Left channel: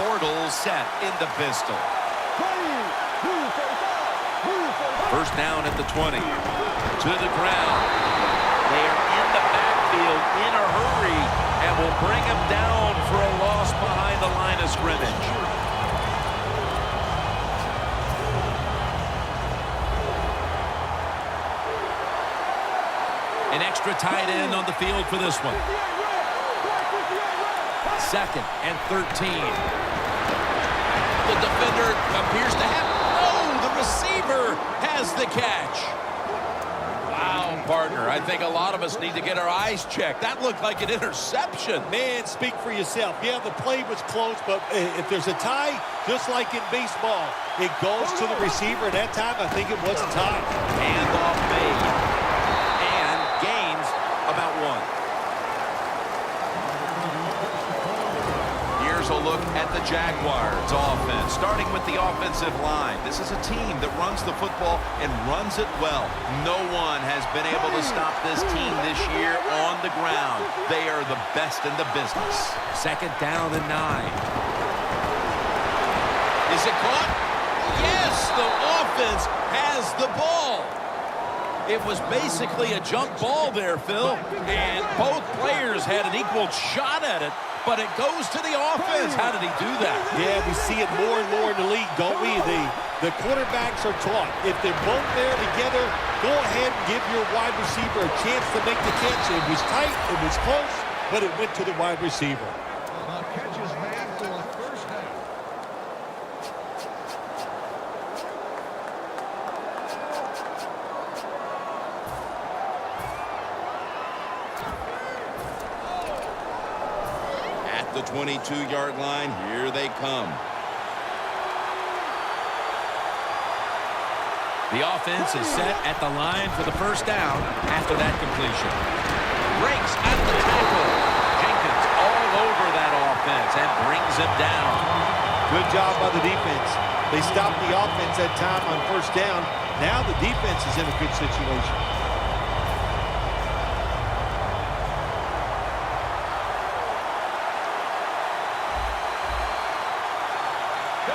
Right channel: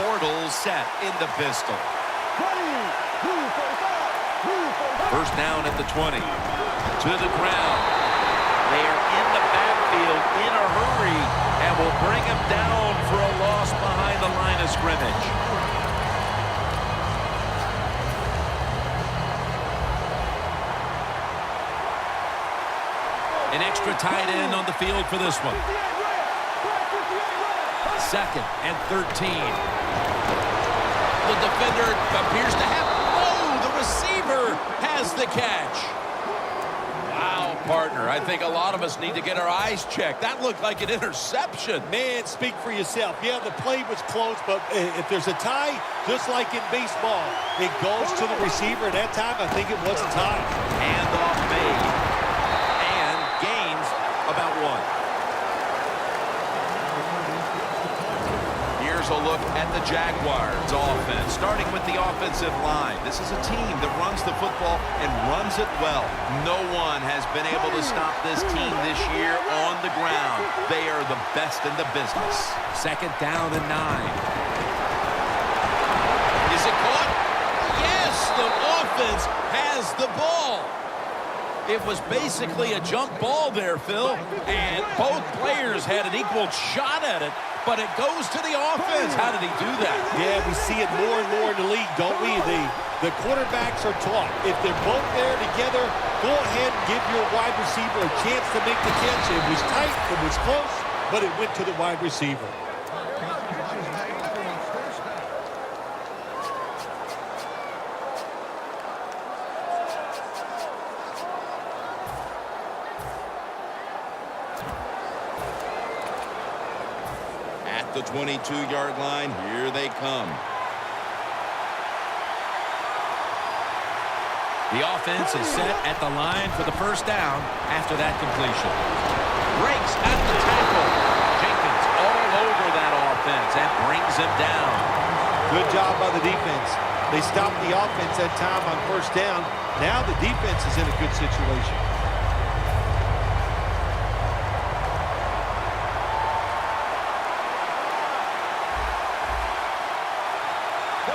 portal set in the pistol. First down at the 20. To the ground. They are in the backfield in a hurry and will bring him down for a loss behind the line of scrimmage. An extra tight end on the field for this one. 2nd and 13. The defender appears to have... Oh, the receiver has the catch. Wow, partner. I think a lot of us need to get our eyes checked. That looked like an interception. Man, speak for yourself. Yeah, the play was close, but if there's a tie, just like in baseball, it goes to the receiver. At that time, I think it was a tie. Handoff made. And gains about 1. Here's a look at the Jaguars offense, starting with the offensive line. This is a team that runs the football and runs it well. No one has been able to stop this team this year on the ground. They are the best in the business. 2nd down and 9. Is it caught? Yes, the offense has the ball. It was basically a jump ball there, Phil, and both players had an equal shot at it, but it goes to the offense. How did he do that? Yeah, we see it more and more in the league, don't we? The quarterbacks are taught. If they're both there together, go ahead and give your wide receiver a chance to make the catch. It was tight, it was close, but it went to the wide receiver. The 22-yard line, here they come. The offense is set at the line for the first down after that completion. Breaks at the tackle. Jenkins all over that offense and brings him down. Good job by the defense. They stopped the offense that time on first down. Now the defense is in a good situation.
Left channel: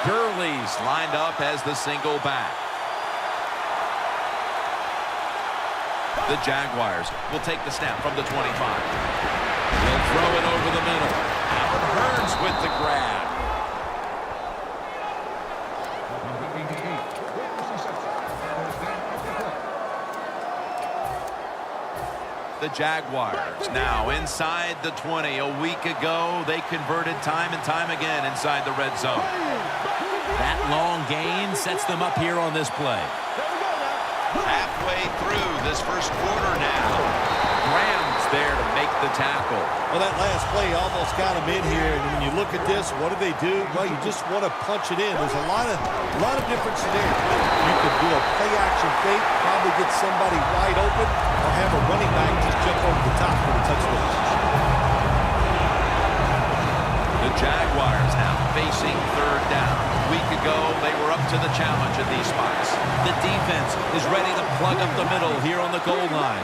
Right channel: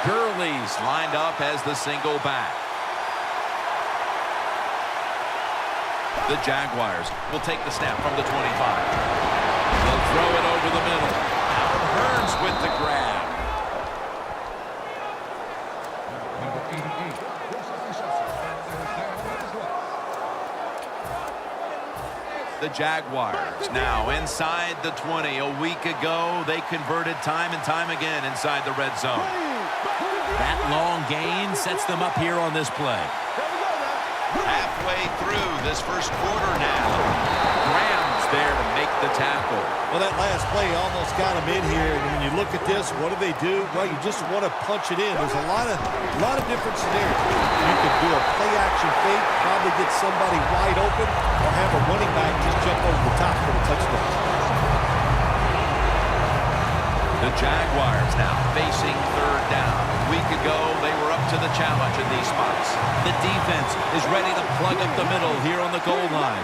Gurley's lined up as the single back. The Jaguars will take the snap from the 25. They'll throw it over the middle. Allen Hurns with the grab. The Jaguars now inside the 20. A week ago, they converted time and time again inside the red zone. That long gain sets them up here on this play. Halfway through this first quarter now. Graham's there to make the tackle. Well, that last play almost got him in here. And when you look at this, what do? Well, you just want to punch it in. There's a lot of different scenarios. You could do a play-action fake, probably get somebody wide open, or have a running back just jump over the top for the touchdown. The Jaguars now facing 3rd down. A week ago, they were up to the challenge in these spots. The defense is ready to plug up the middle here on the goal line.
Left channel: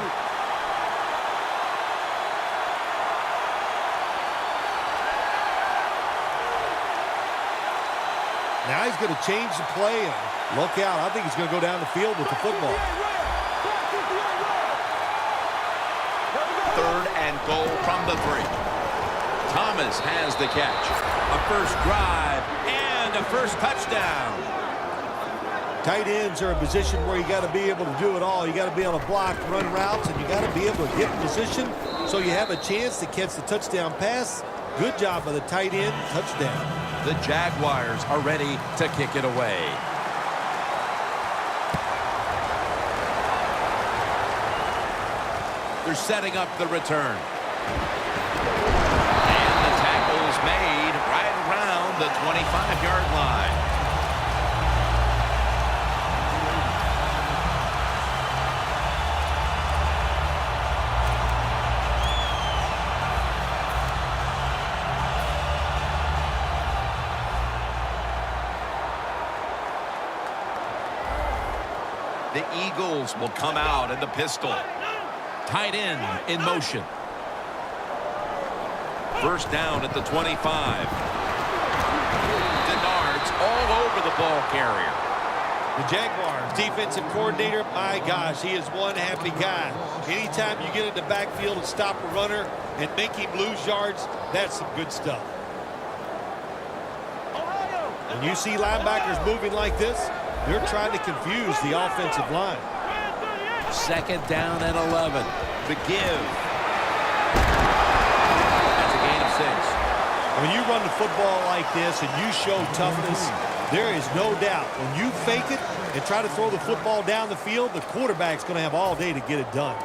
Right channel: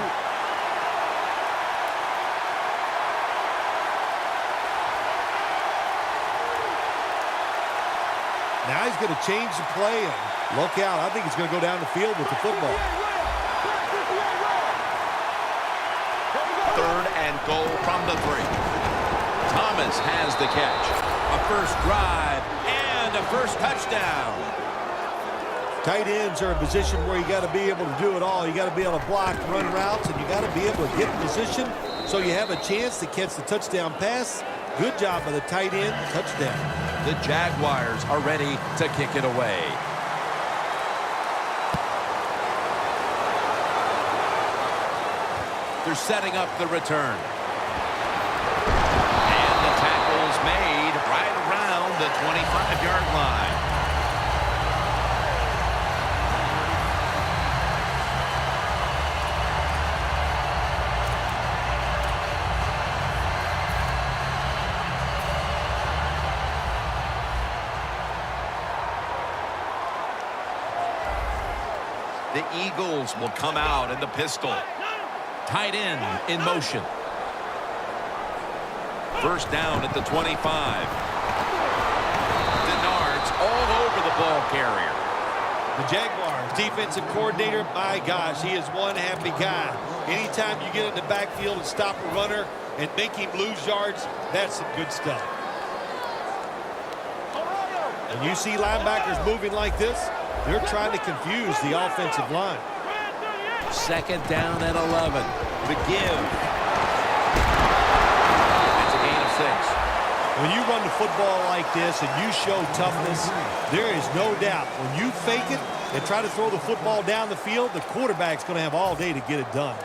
Now he's going to change the play and look out. I think he's going to go down the field with the football. 3rd and goal from the 3. Thomas has the catch. A first drive and a first touchdown. Tight ends are a position where you got to be able to do it all. You got to be able to block, run routes, and you got to be able to get in position so you have a chance to catch the touchdown pass. Good job by the tight end. Touchdown. The Jaguars are ready to kick it away. They're setting up the return. Made right around the 25-yard line. The Eagles will come out in the pistol. Tight end in motion. First down at the 25. It's all over the ball carrier. The Jaguars defensive coordinator, my gosh, he is one happy guy. Anytime you get in the backfield and stop a runner and make him lose yards, that's some good stuff. When you see linebackers moving like this, they're trying to confuse the offensive line. Second down and 11. The give. That's a gain of 6. When you run the football like this and you show toughness, there is no doubt when you fake it and try to throw the football down the field, the quarterback's going to have all day to get it done.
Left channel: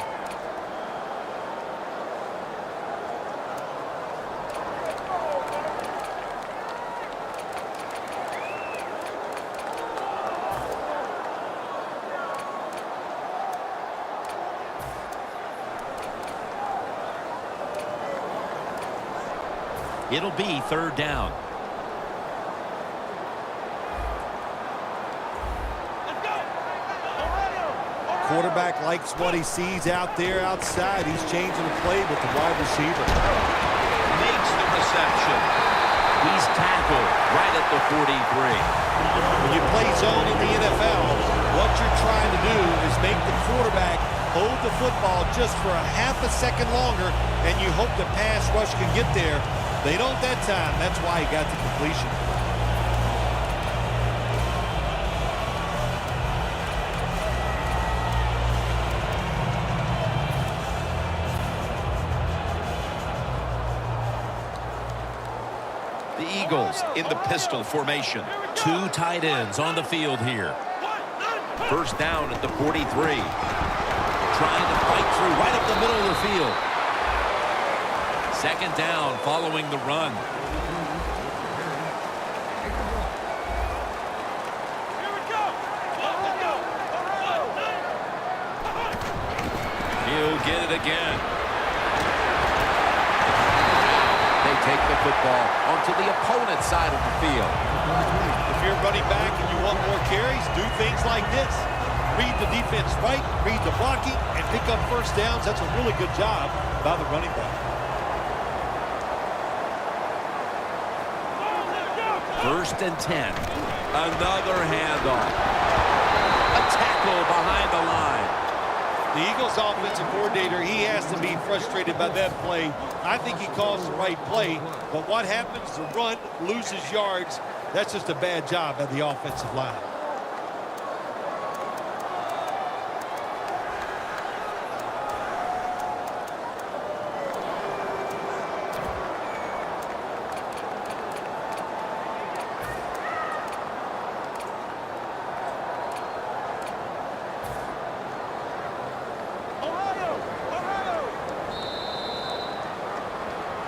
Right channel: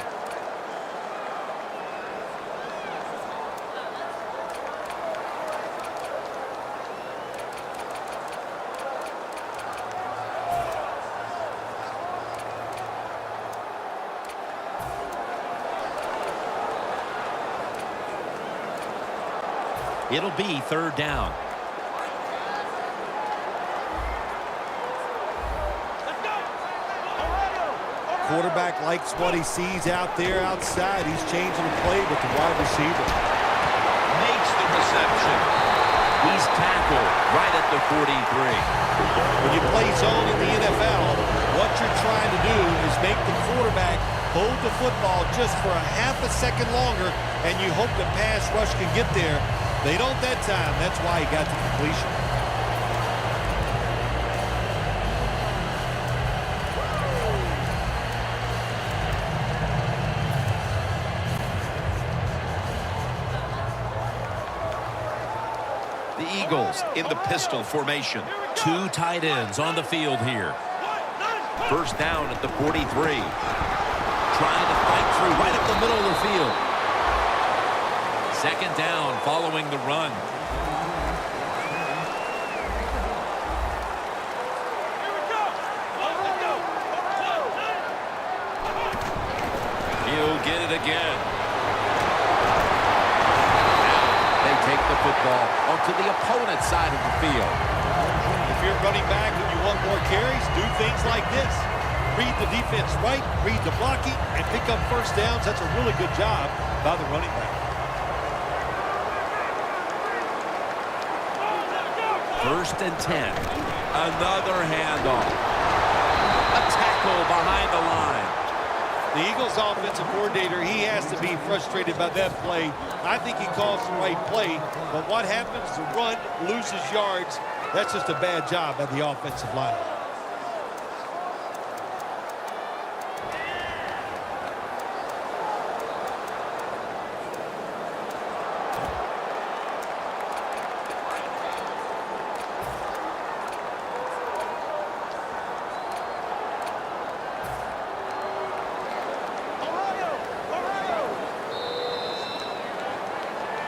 It'll be third down. Quarterback likes what he sees out there outside. He's changing the play with the wide receiver. Makes the reception. He's tackled right at the 43. When you play zone in the NFL, what you're trying to do is make the quarterback hold the football just for a half a second longer, and you hope the pass rush can get there. They don't that time. That's why he got the completion. The Eagles in the pistol formation. Two tight ends on the field here. First down at the 43. Trying to fight through right up the middle of the field. Second down following the run. He'll get it again. They take the football onto the opponent's side of the field. If you're running back and you want more carries, do things like this. Read the defense right, read the blocking, and pick up first downs. That's a really good job by the running back. First and 10. Another handoff. A tackle behind the line. The Eagles offensive coordinator, he has to be frustrated by that play. I think he calls the right play, but what happens? The run loses yards. That's just a bad job by the offensive line.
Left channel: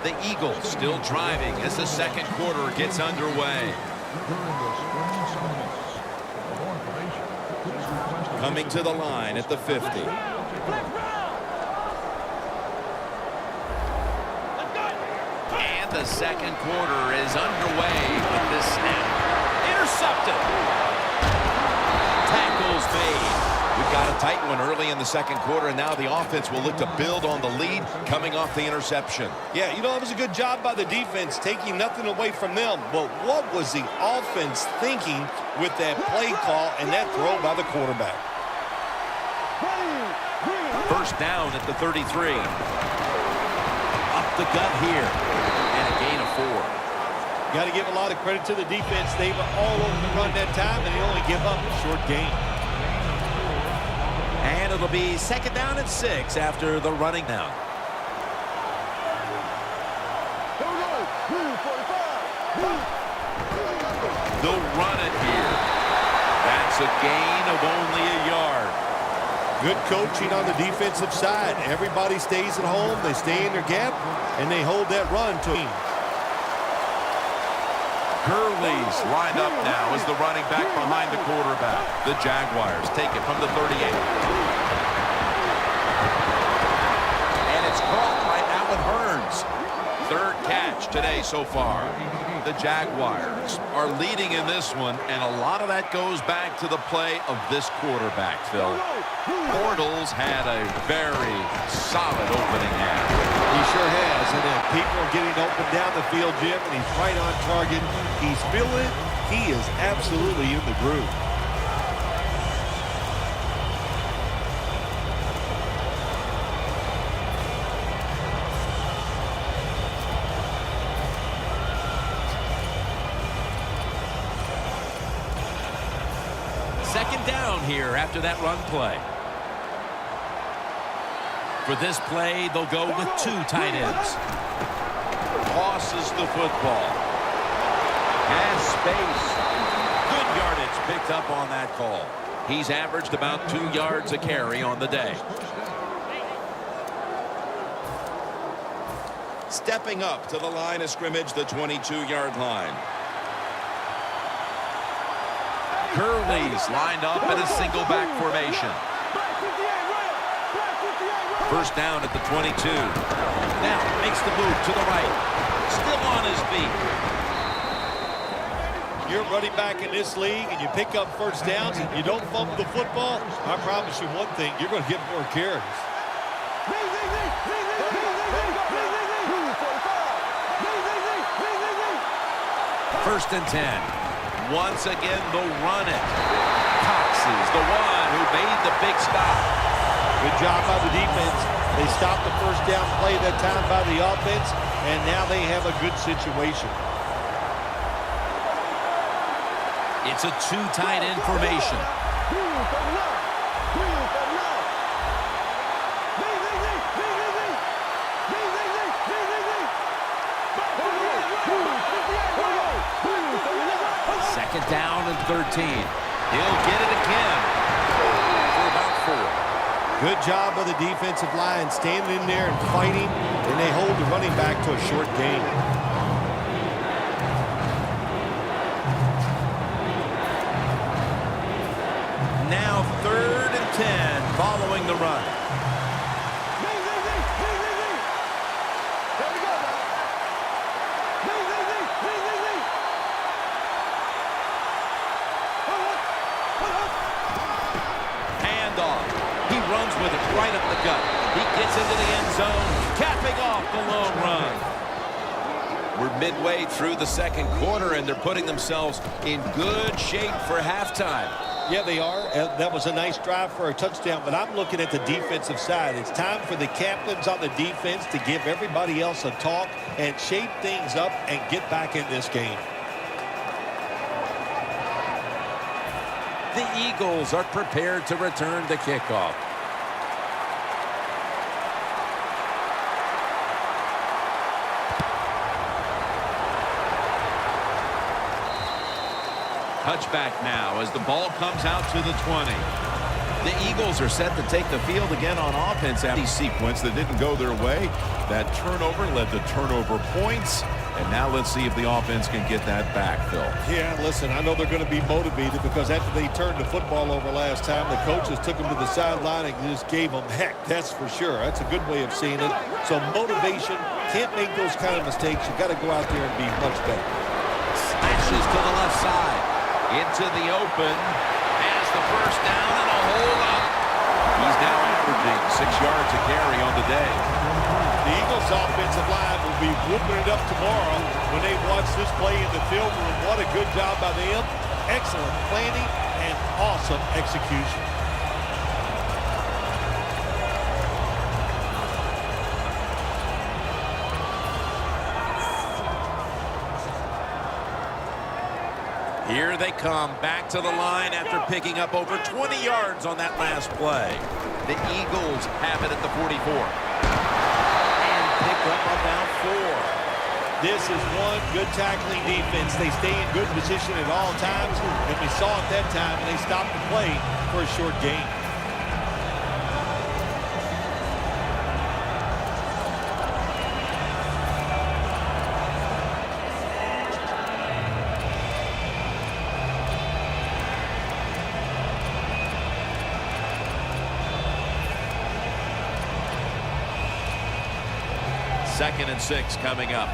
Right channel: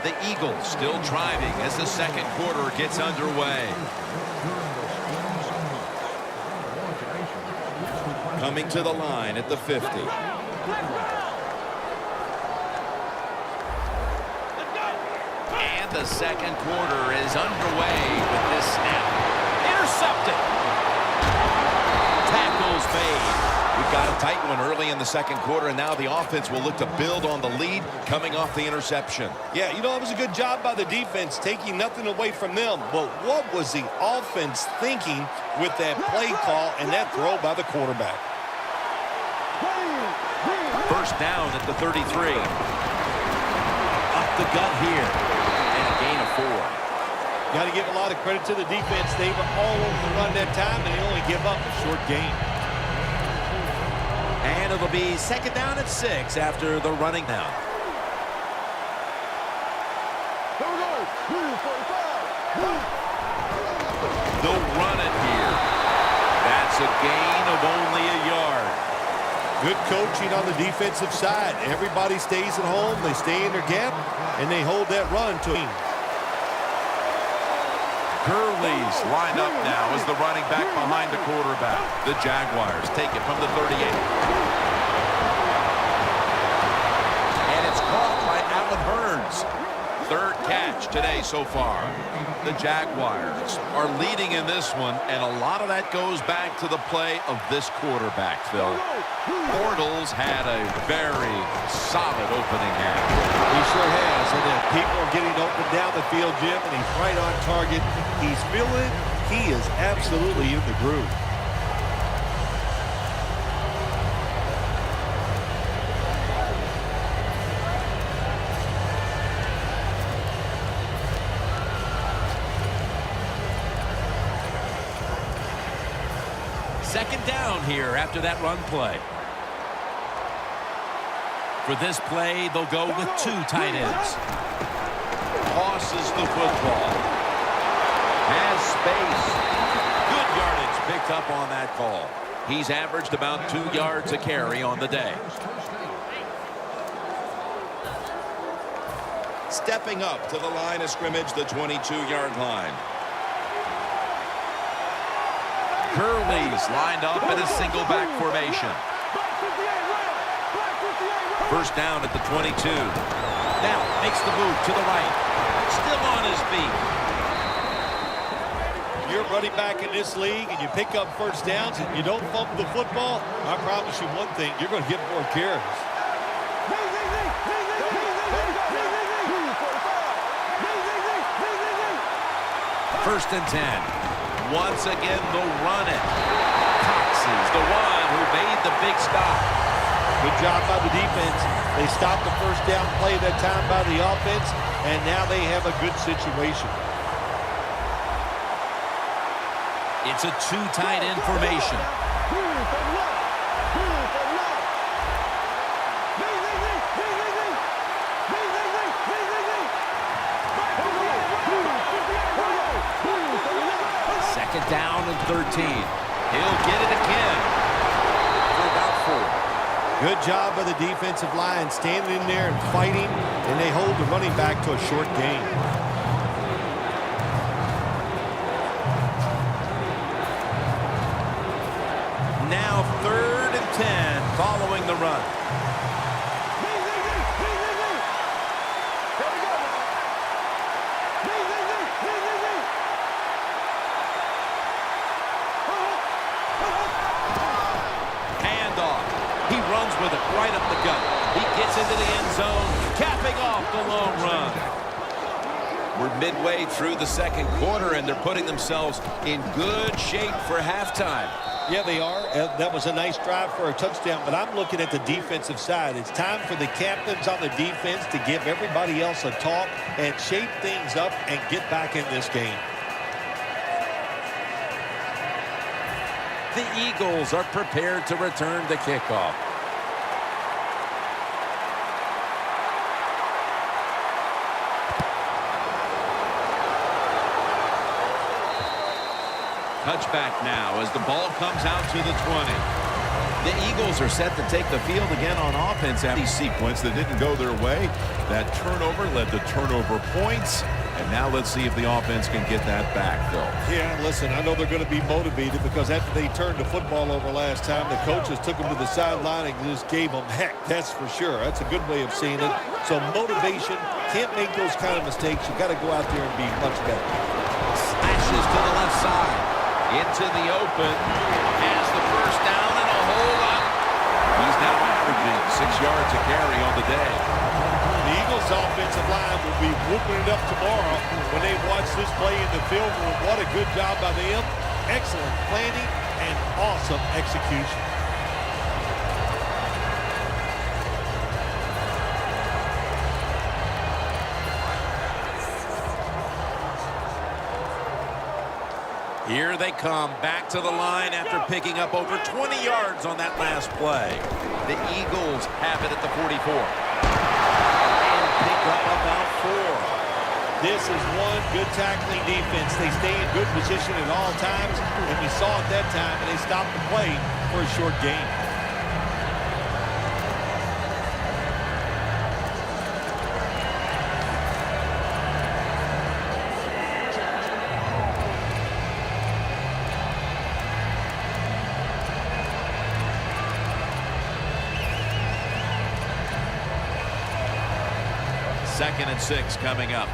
The Eagles still driving as the second quarter gets underway. Coming to the line at the 50. And the second quarter is underway with this snap. Intercepted. Tackles made. We've got a tight one early in the second quarter, and now the offense will look to build on the lead coming off the interception. Yeah, you know, it was a good job by the defense, taking nothing away from them. But what was the offense thinking with that play call and that throw by the quarterback? First down at the 33. Up the gut here, and a gain of 4. Got to give a lot of credit to the defense. They were all over the run that time, and they only give up a short gain. And it'll be second down at 6 after the running down. They'll run it here. That's a gain of only a yard. Good coaching on the defensive side. Everybody stays at home. They stay in their gap, and they hold that run to him. Gurley's lined up now as the running back behind the quarterback. The Jaguars take it from the 38. And it's caught by Allen Hurns. Third catch today so far. The Jaguars are leading in this one, and a lot of that goes back to the play of this quarterback, Phil. Bortles had a very solid opening half. He sure has, and people are getting open down the field, Jim, and he's right on target. He's feeling it, He is absolutely in the groove. Second down here after that run play. For this play, they'll go with two tight ends. Tosses the football. Has space. Good yardage picked up on that call. He's averaged about 2 yards a carry on the day. Stepping up to the line of scrimmage, the 22-yard line. Curly's lined up in a single back formation. First down at the 22. Now makes the move to the right. Still on his feet. You're running back in this league and you pick up first downs and you don't fumble the football, I promise you one thing, you're going to get more carries. First and 10. Once again, they'll run it. Cox is the one who made the big stop. Good job by the defense. They stopped the first down play that time by the offense, and now they have a good situation. It's a two tight end formation. Second down and 13. He'll get it again for about 4. Good job by the defensive line, standing in there and fighting, and they hold the running back to a short gain. Now 3rd and 10 following the run. He runs with it right up the gut. He gets into the end zone, capping off the long run. We're midway through the second quarter, and they're putting themselves in good shape for halftime. Yeah, they are. That was a nice drive for a touchdown, but I'm looking at the defensive side. It's time for the captains on the defense to give everybody else a talk and shape things up and get back in this game. The Eagles are prepared to return the kickoff. Touchback now as the ball comes out to the 20. The Eagles are set to take the field again on offense after the sequence that didn't go their way. That turnover led to turnover points. And now let's see if the offense can get that back, Phil. Yeah, listen, I know they're going to be motivated because after they turned the football over last time, the coaches took them to the sideline and just gave them heck, that's for sure. That's a good way of seeing it. So motivation, can't make those kind of mistakes. You got to go out there and be much better. Slashes to the left side. Into the open. Has the first down and a hole up. He's now averaging 6 yards a carry on the day. The Eagles' offensive line will be whooping it up tomorrow when they watch this play in the film room. What a good job by them. Excellent planning and awesome execution. Here they come back to the line after picking up over 20 yards on that last play. The Eagles have it at the 44. Pick up about 4. This is one good tackling defense. They stay in good position at all times, and we saw it that time, and they stopped the play for a short gain. Second and 6 coming up.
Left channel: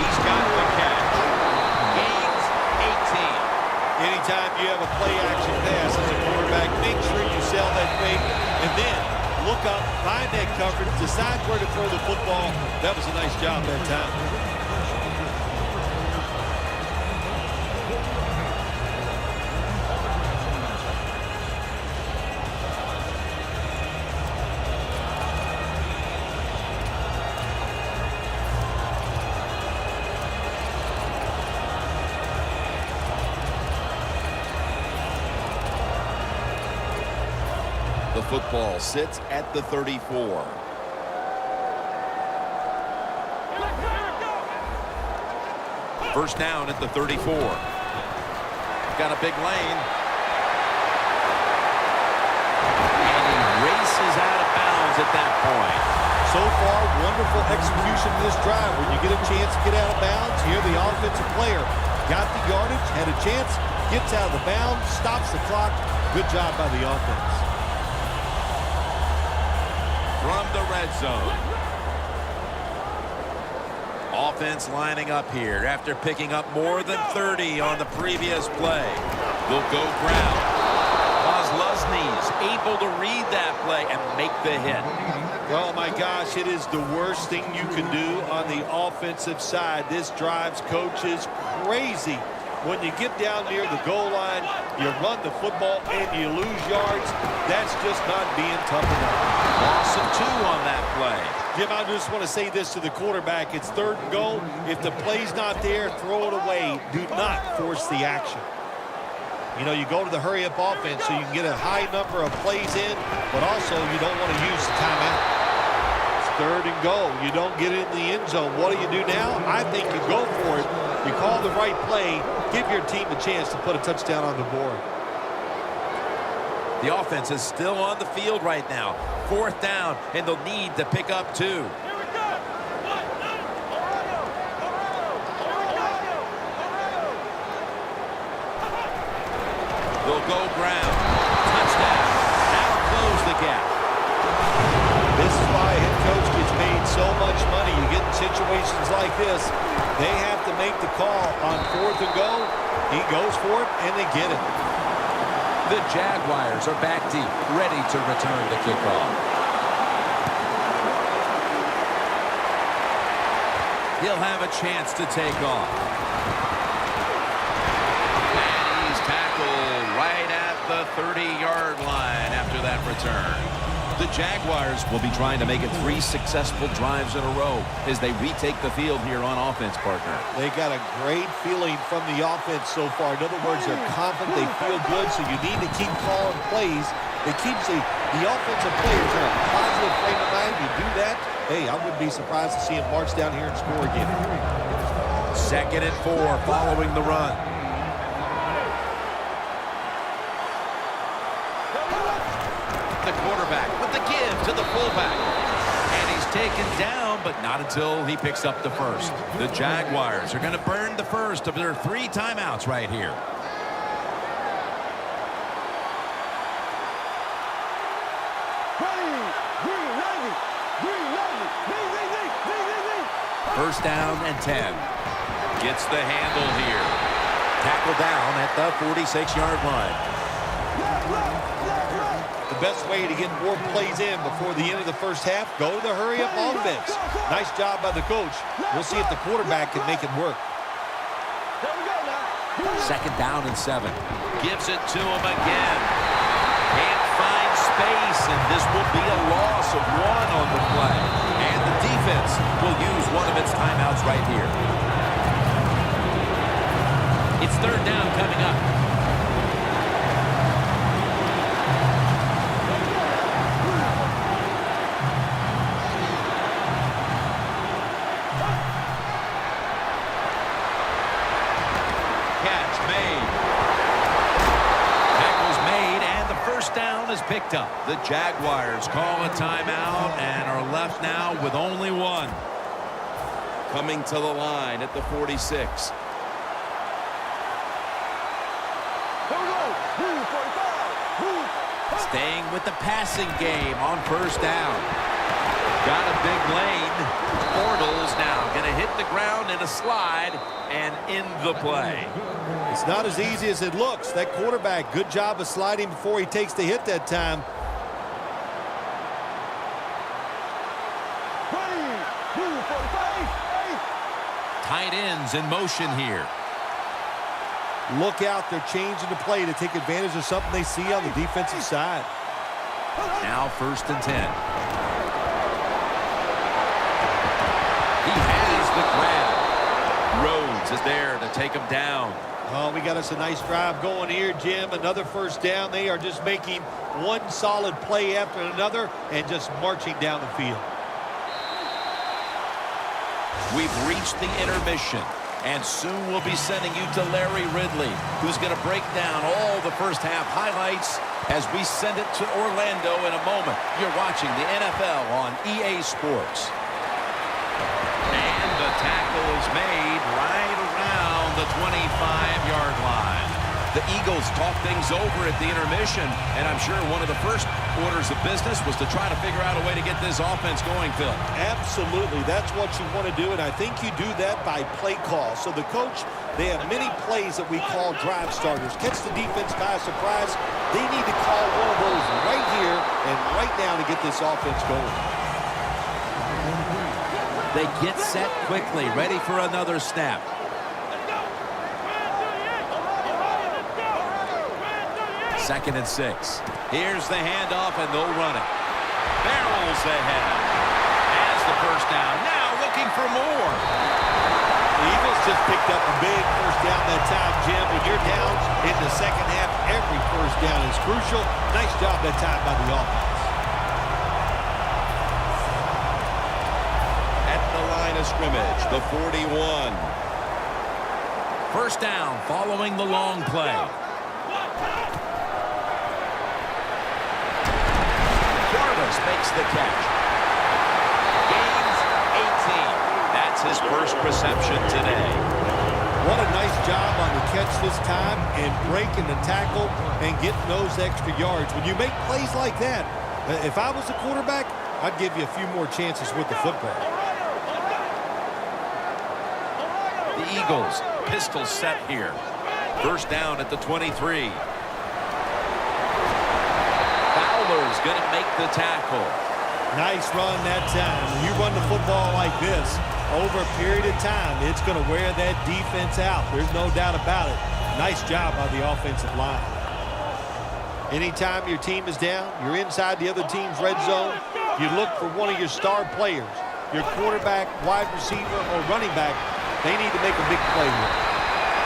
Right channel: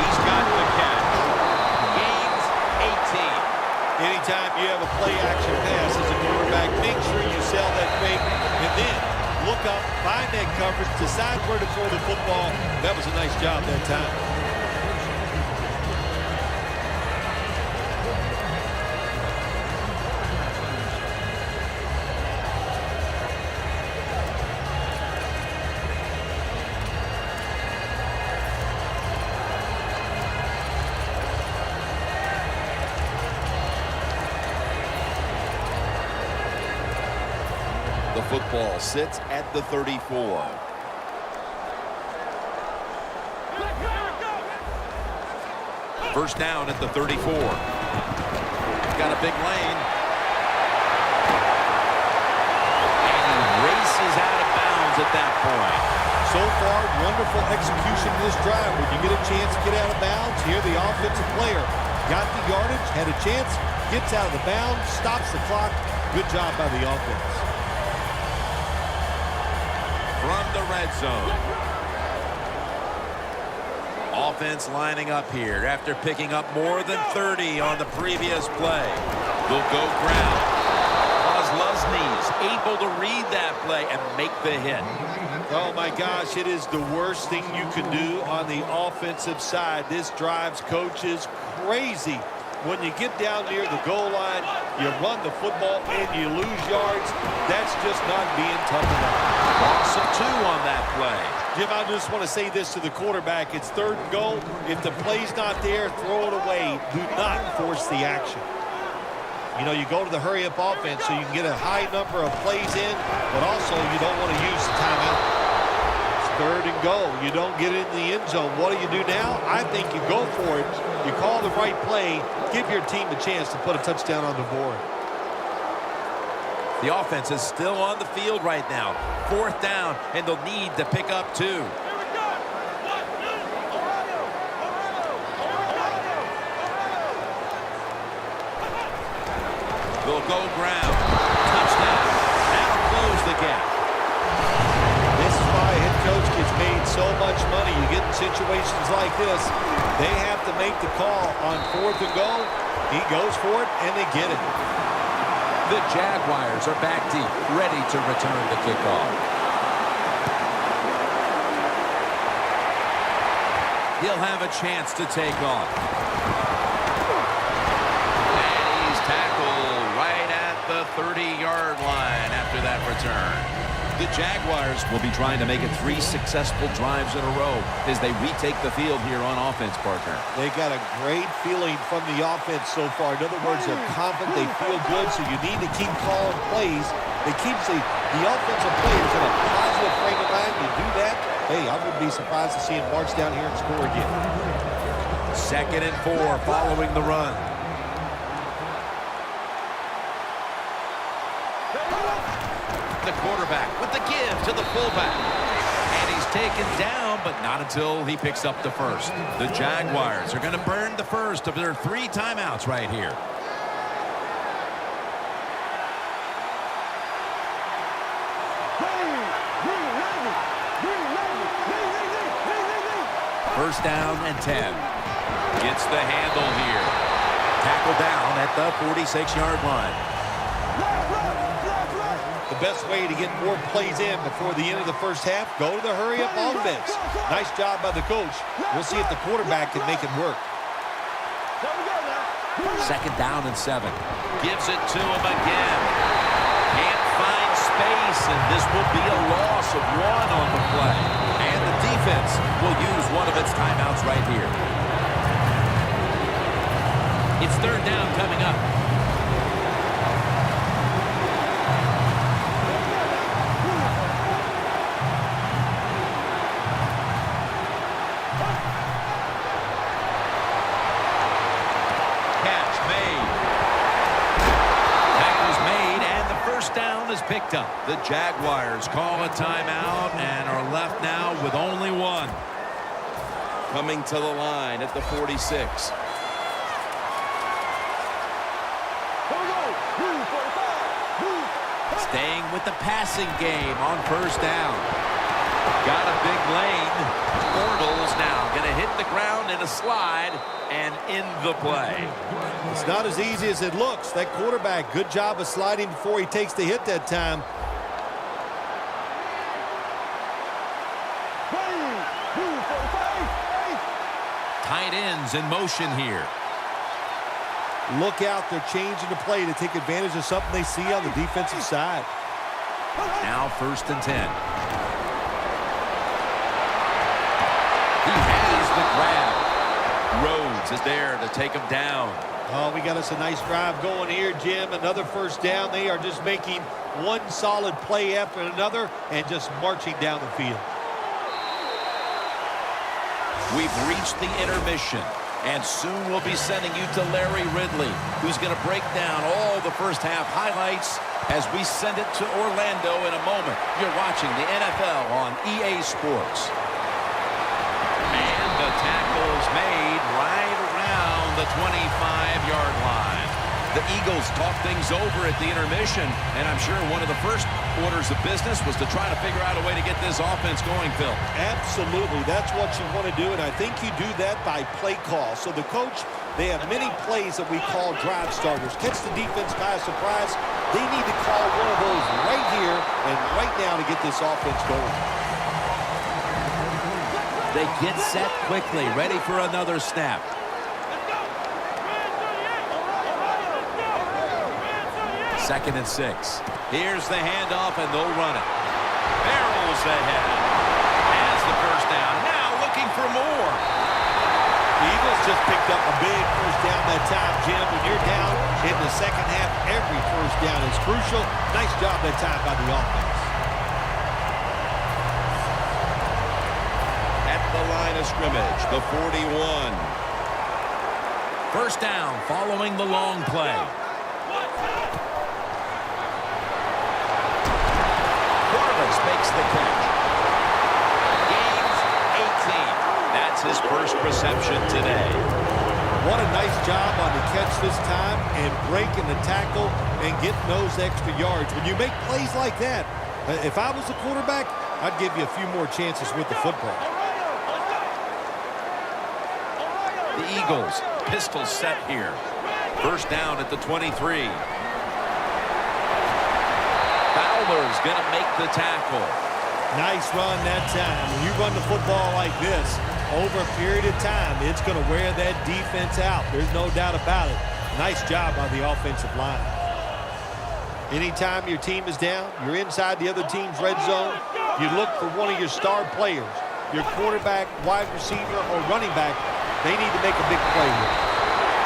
He's got the catch. Gains 18. Anytime you have a play-action pass as a quarterback, make sure you sell that fake, and then look up, find that coverage, decide where to throw the football. That was a nice job that time. The football sits at the 34. First down at the 34. Got a big lane. And he races out of bounds at that point. So far, wonderful execution in this drive. When you get a chance to get out of bounds, here the offensive player got the yardage, had a chance, gets out of the bounds, stops the clock. Good job by the offense. From the red zone. Offense lining up here after picking up more than 30 on the previous play. They'll go ground. Kozlowski's able to read that play and make the hit. Oh, my gosh, it is the worst thing you can do on the offensive side. This drives coaches crazy. When you get down near the goal line, you run the football and you lose yards. That's just not being tough enough. Loss of 2 on that play. Jim, I just want to say this to the quarterback. It's 3rd and goal. If the play's not there, throw it away. Do not force the action. You know, you go to the hurry-up offense so you can get a high number of plays in, but also you don't want to use the timeout. It's 3rd and goal. You don't get it in the end zone. What do you do now? I think you go for it. You call the right play. Give your team a chance to put a touchdown on the board. The offense is still on the field right now. 4th down, and they'll need to pick up 2. Here we go. They'll go ground. Touchdown. That'll close the gap. This is why a head coach gets paid so much money. You get in situations like this, they have to make the call on 4th and goal. He goes for it, and they get it. The Jaguars are back deep, ready to return the kickoff. He'll have a chance to take off. And he's tackled right at the 30-yard line after that return. The Jaguars will be trying to make it 3 successful drives in a row as they retake the field here on offense, partner. They got a great feeling from the offense so far. In other words, they're confident, they feel good, so you need to keep calling plays. It keeps the offensive players in a positive frame of mind. You do that, hey, I wouldn't be surprised to see him march down here and score again. 2nd and 4 following the run. The quarterback with the give to the fullback. And he's taken down, but not until he picks up the first. The Jaguars are going to burn the first of their 3 timeouts right here. First down and 10. Gets the handle here. Tackle down at the 46-yard line. The best way to get more plays in before the end of the first half, go to the hurry-up offense. Nice job by the coach. We'll see if the quarterback can make it work. 2nd down and 7. Gives it to him again. Can't find space, and this will be a loss of 1 on the play. And the defense will use one of its timeouts right here. It's 3rd down coming up. Catch made. Tackle's made, and the first down is picked up. The Jaguars call a timeout and are left now with only 1. Coming to the line at the 46. Staying with the passing game on first down. Got a big lane. Bortles now going to hit the ground in a slide and in the play. It's not as easy as it looks. That quarterback, good job of sliding before he takes the hit that time. tight ends in motion here. Look out, they're changing the play to take advantage of something they see on the defensive side. Now 1st and 10. He has the grab. Rhodes is there to take him down. Oh, we got us a nice drive going here, Jim. Another 1st down. They are just making one solid play after another and just marching down the field. We've reached the intermission, and soon we'll be sending you to Larry Ridley, who's going to break down all the first half highlights as we send it to Orlando in a moment. You're watching the NFL on EA Sports. And the tackle's made right around the 25-yard line. The Eagles talk things over at the intermission, and I'm sure one of the first orders of business was to try to figure out a way to get this offense going, Phil. Absolutely. That's what you want to do, and I think you do that by play call. So the coach, they have many plays that we call drive starters. Catch the defense by surprise. They need to call one of those right here and right now to get this offense going. They get set quickly, ready for another snap. Second and 6. Here's the handoff, and they'll run it. Barrels ahead. Has the 1st down. Now looking for more. The Eagles just picked up a big 1st down that time, Jim. When you're down in the second half, every 1st down is crucial. Nice job that time by the offense. At the line of scrimmage, the 41. 1st down following the long play. Makes the catch. Gains 18. That's his 1st reception today. What a nice job on the catch this time and breaking the tackle and getting those extra yards. When you make plays like that, if I was the quarterback, I'd give you a few more chances with the football. The Eagles, pistol set here. 1st down at the 23. Fowler's going to make the tackle. Nice run that time. When you run the football like this, over a period of time, it's going to wear that defense out. There's no doubt about it. Nice job by the offensive line. Anytime your team is down, you're inside the other team's red zone, you look for one of your star players, your quarterback, wide receiver, or running back. They need to make a big play here.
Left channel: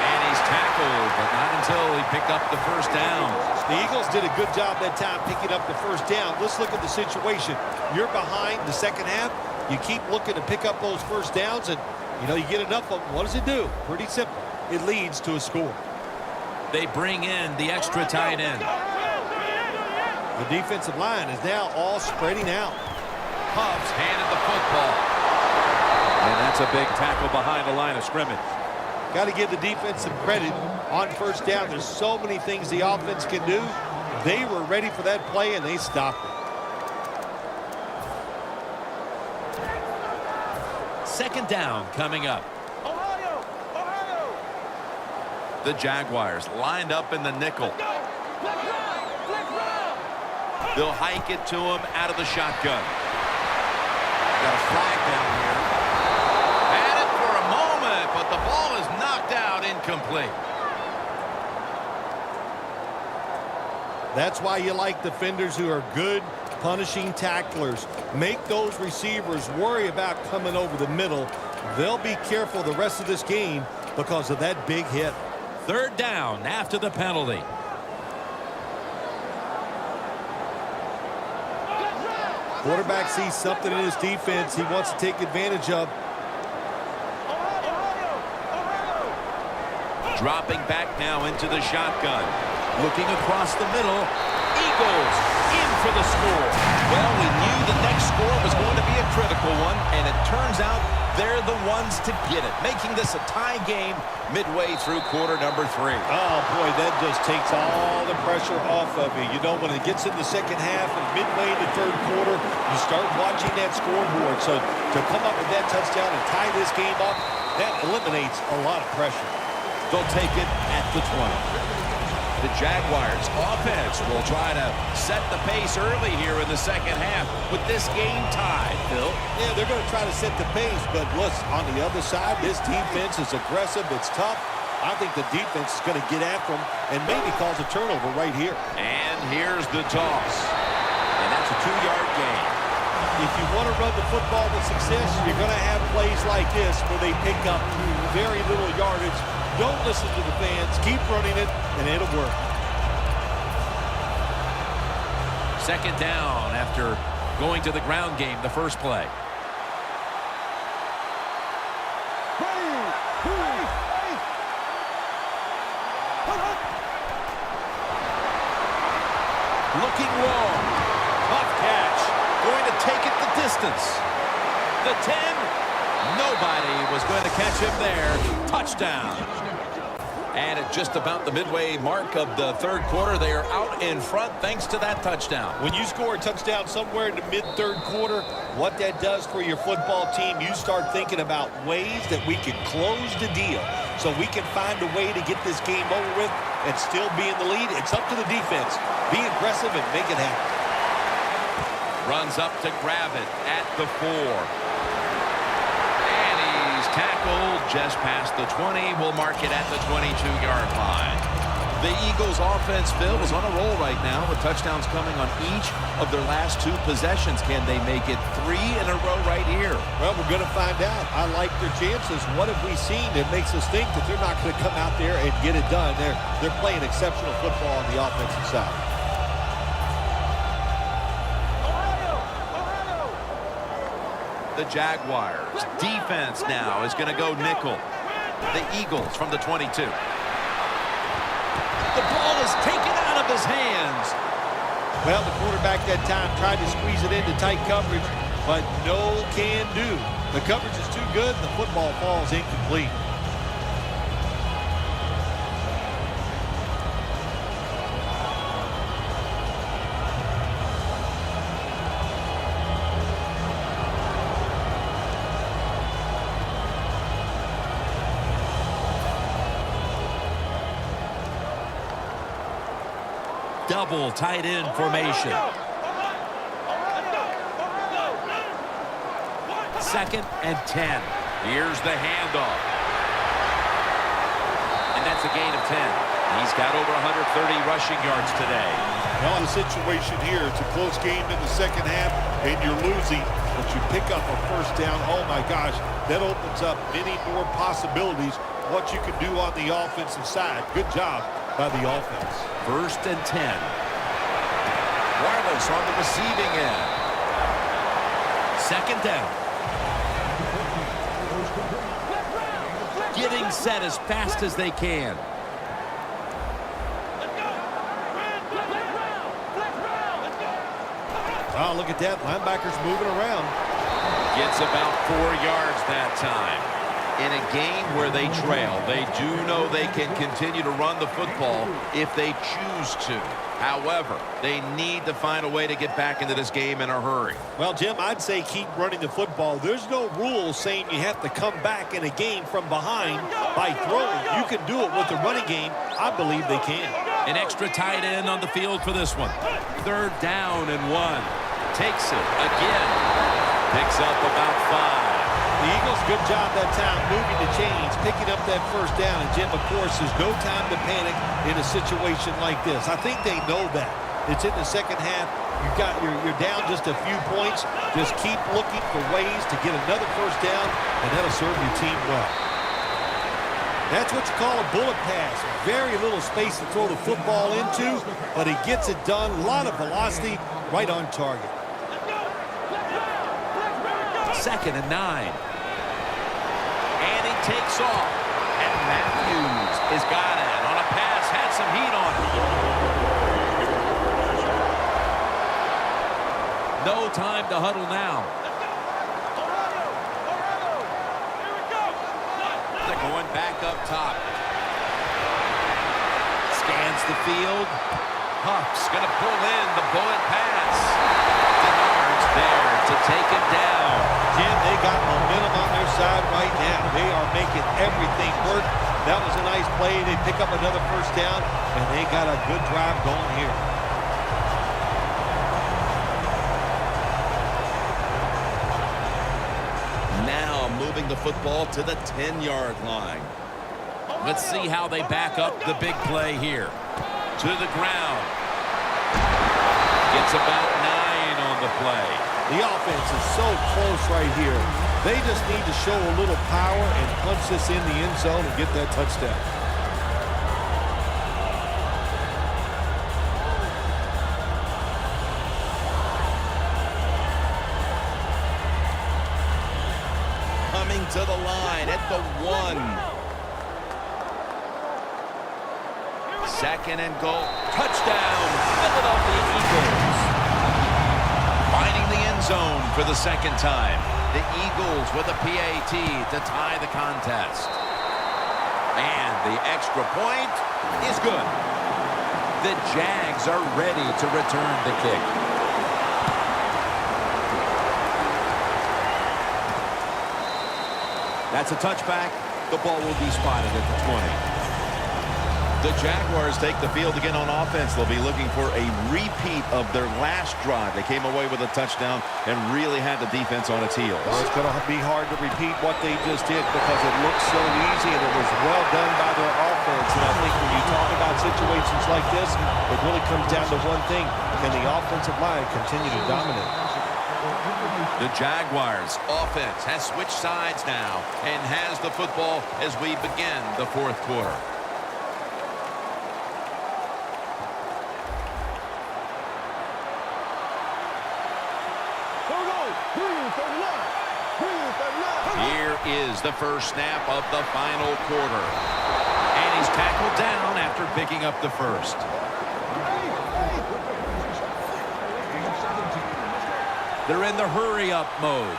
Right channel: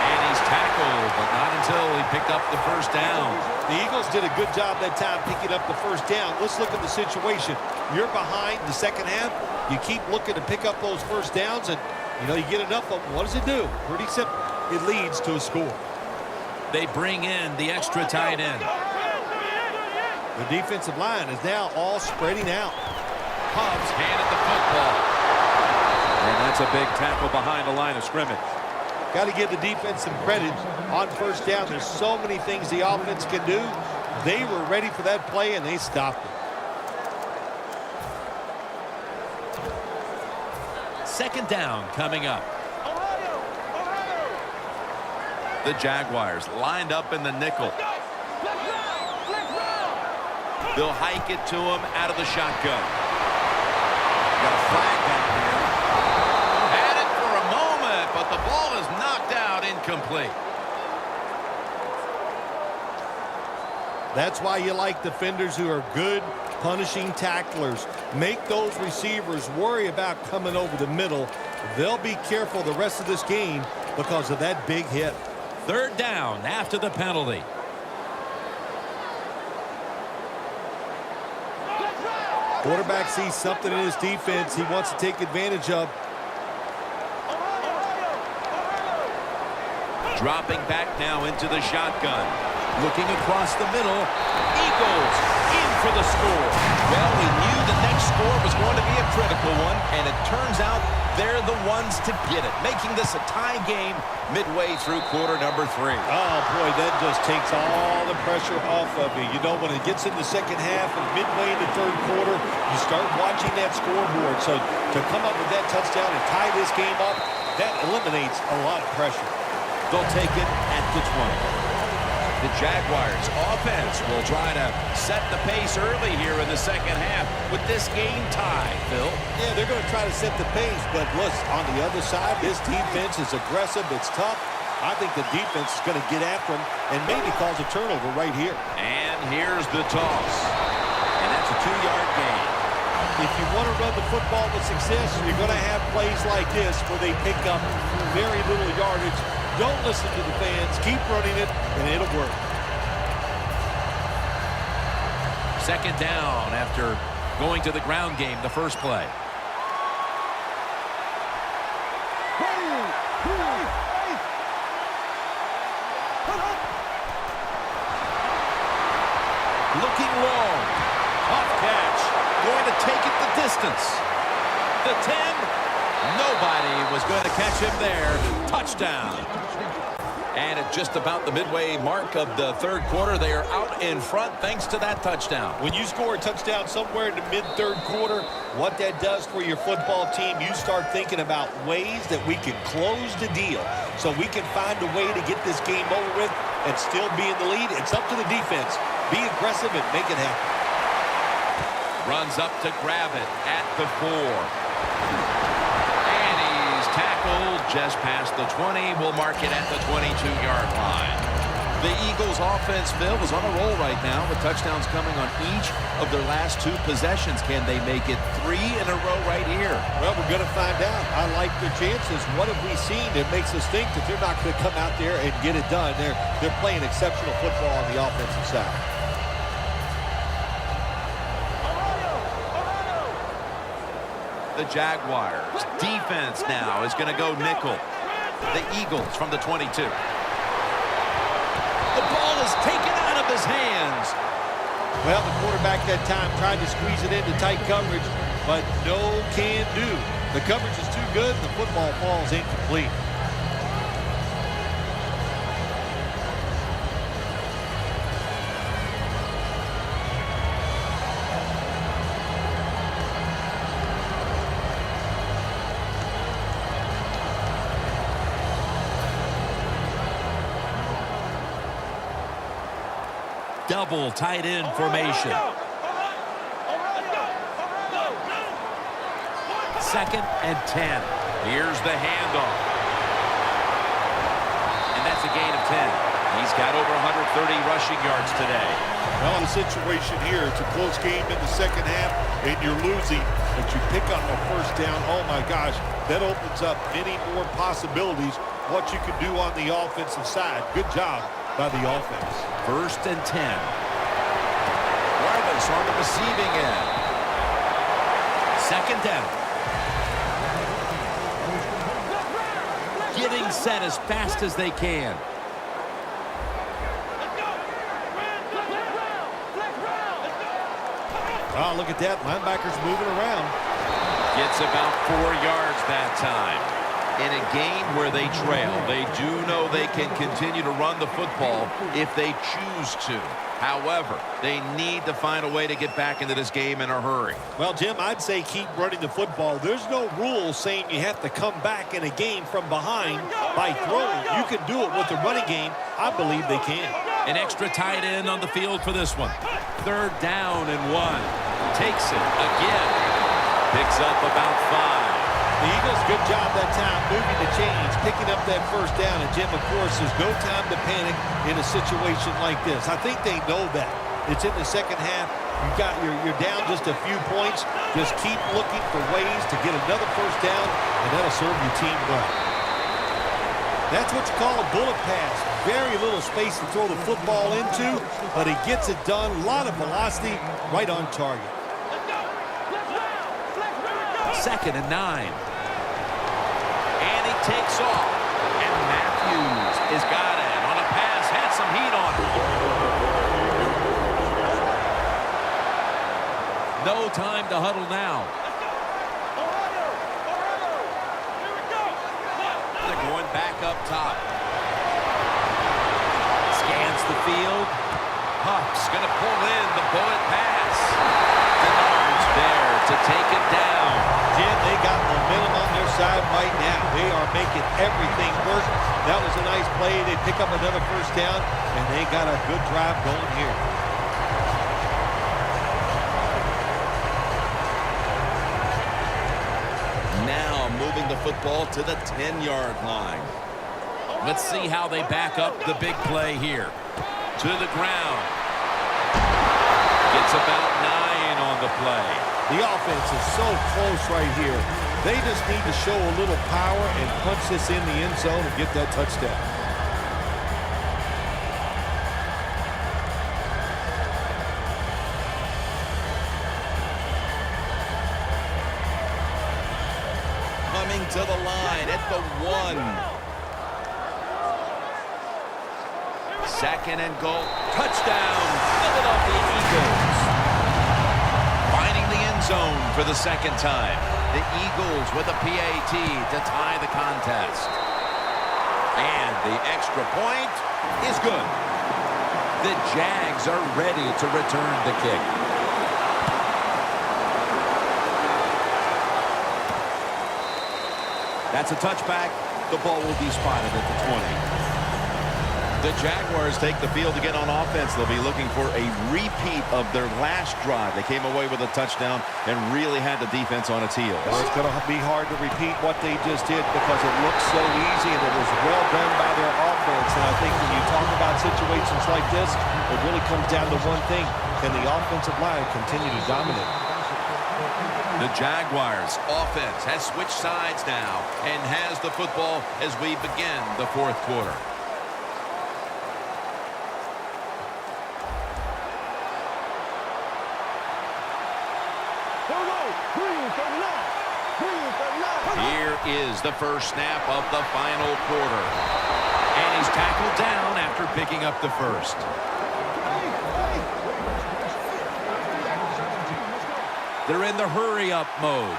And he's tackled, but not until he picked up the 1st down. The Eagles did a good job that time picking up the 1st down. Let's look at the situation. You're behind the second half. You keep looking to pick up those 1st downs, and, you get enough of them. What does it do? Pretty simple. It leads to a score. They bring in the extra tight end. The defensive line is now all spreading out. Hubbs handed the football. And that's a big tackle behind the line of scrimmage. Got to give the defense some credit on 1st down. There's so many things the offense can do. They were ready for that play, and they stopped it. 2nd down coming up. The Jaguars lined up in the nickel. They'll hike it to him out of the shotgun. Got a flag down here. Had it for a moment, but the ball is knocked out, incomplete. That's why you like defenders who are good punishing tacklers. Make those receivers worry about coming over the middle. They'll be careful the rest of this game because of that big hit. 3rd down after the penalty. Quarterback sees something in his defense he wants to take advantage of. Dropping back now into the shotgun. Looking across the middle. Eagles in for the score. Well, we knew the next score was going to be a critical one, and it turns out they're the ones to get it, making this a tie game midway through quarter number 3. Oh, boy, that just takes all the pressure off of you. When it gets in the second half and midway in the 3rd quarter, you start watching that scoreboard. So to come up with that touchdown and tie this game up, that eliminates a lot of pressure. They'll take it at the 20. The Jaguars offense will try to set the pace early here in the second half with this game tied, Phil. Yeah, they're going to try to set the pace, but look, on the other side, this defense is aggressive. It's tough. I think the defense is going to get after them and maybe cause a turnover right here. And here's the toss. And that's a 2-yard gain. If you want to run the football with success, you're going to have plays like this where they pick up very little yardage. Don't listen to the fans. Keep running it, and it'll work. Second down after going to the ground game the first play. Looking long. Tough catch. Going to take it the distance. The 10. Nobody was going to catch him there. Touchdown. And at just about the midway mark of the third quarter, they are out in front thanks to that touchdown. When you score a touchdown somewhere in the mid-third quarter, what that does for your football team, you start thinking about ways that we can close the deal so we can find a way to get this game over with and still be in the lead. It's up to the defense. Be aggressive and make it happen. Runs up to grab it at the 4. Tackled just past the 20. We'll mark it at the 22-yard line. The Eagles offense, Phil, is on a roll right now with touchdowns coming on each of their last 2 possessions. Can they make it 3 in a row right here? Well, we're going to find out. I like their chances. What have we seen that makes us think that they're not going to come out there and get it done? They're playing exceptional football on the offensive side. The Jaguars defense now is going to go nickel. The Eagles from the 22. The ball is taken out of his hands. Well, the quarterback that time tried to squeeze it into tight coverage, but no can do. The coverage is too good, and the football falls incomplete. Double tight end formation. Second and 10. Here's the handoff. And that's a gain of 10. He's got over 130 rushing yards today. Well, in a situation here, it's a close game in the second half, and you're losing, but you pick up a first down. Oh, my gosh, that opens up many more possibilities what you can do on the offensive side. Good job by the offense. First and 10. Wireless on the receiving end. Second down. Getting set as fast as they can. Oh, look at that. Linebacker's moving around. Gets about 4 yards that time. In a game where they trail, they do know they can continue to run the football if they choose to. However, they need to find a way to get back into this game in a hurry. Well, Jim, I'd say keep running the football. There's no rule saying you have to come back in a game from behind by throwing. You can do it with the running game. I believe they can. An extra tight end on the field for this one. Third down and 1. Takes it again. Picks up about 5. The Eagles, good job that time moving the chains, picking up that first down. And, Jim, of course, there's no time to panic in a situation like this. I think they know that. It's in the second half. You're down just a few points. Just keep looking for ways to get another first down, and that'll serve your team well. That's what you call a bullet pass. Very little space to throw the football into, but he gets it done. A lot of velocity, right on target. Second and 9. And he takes off. And Matthews has got it on a pass. Had some heat on it. No time to huddle now. They're going back up top. Scans the field. Huff's going to pull in the bullet pass. Denard's there to take it down. Jim, they got momentum on their side right now. They are making everything work. That was a nice play. They pick up another first down, and they got a good drive going here. Now moving the football to the 10-yard line. Let's see how they back up the big play here. To the ground. Gets about 9 on the play. The offense is so close right here. They just need to show a little power and punch this in the end zone and get that touchdown. Coming to the line at the 1. Second and goal. Touchdown, Philadelphia Eagles. Finding the end zone for the second time. The Eagles with a PAT to tie the contest. And the extra point is good. The Jags are ready to return the kick. That's a touchback. The ball will be spotted at the 20. The Jaguars take the field again on offense. They'll be looking for a repeat of their last drive. They came away with a touchdown and really had the defense on its heels. Well, it's going to be hard to repeat what they just did because it looks so easy and it was well done by their offense. And I think when you talk about situations like this, it really comes down to one thing. Can the offensive line continue to dominate? The Jaguars offense has switched sides now and has the football as we begin the fourth quarter. Here is the first snap of the final quarter. And he's tackled down after picking up the first. They're in the hurry-up mode.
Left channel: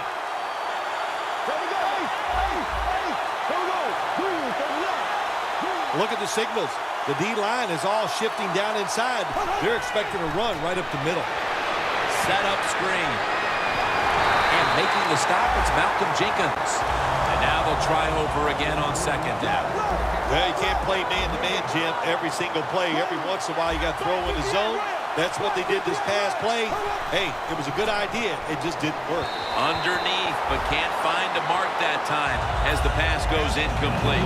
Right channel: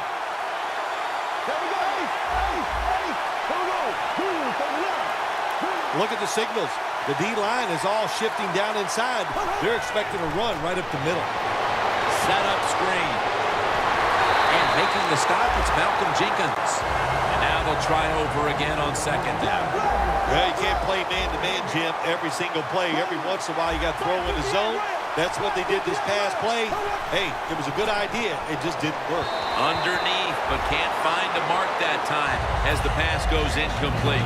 Look at the signals. The D-line is all shifting down inside. They're expecting a run right up the middle. Set up screen. And making the stop, it's Malcolm Jenkins. And now they'll try over again on second down. Well, you can't play man-to-man, Jim, every single play. Every once in a while, you got to throw in the zone. That's what they did this past play. Hey, it was a good idea. It just didn't work. Underneath, but can't find a mark that time as the pass goes incomplete.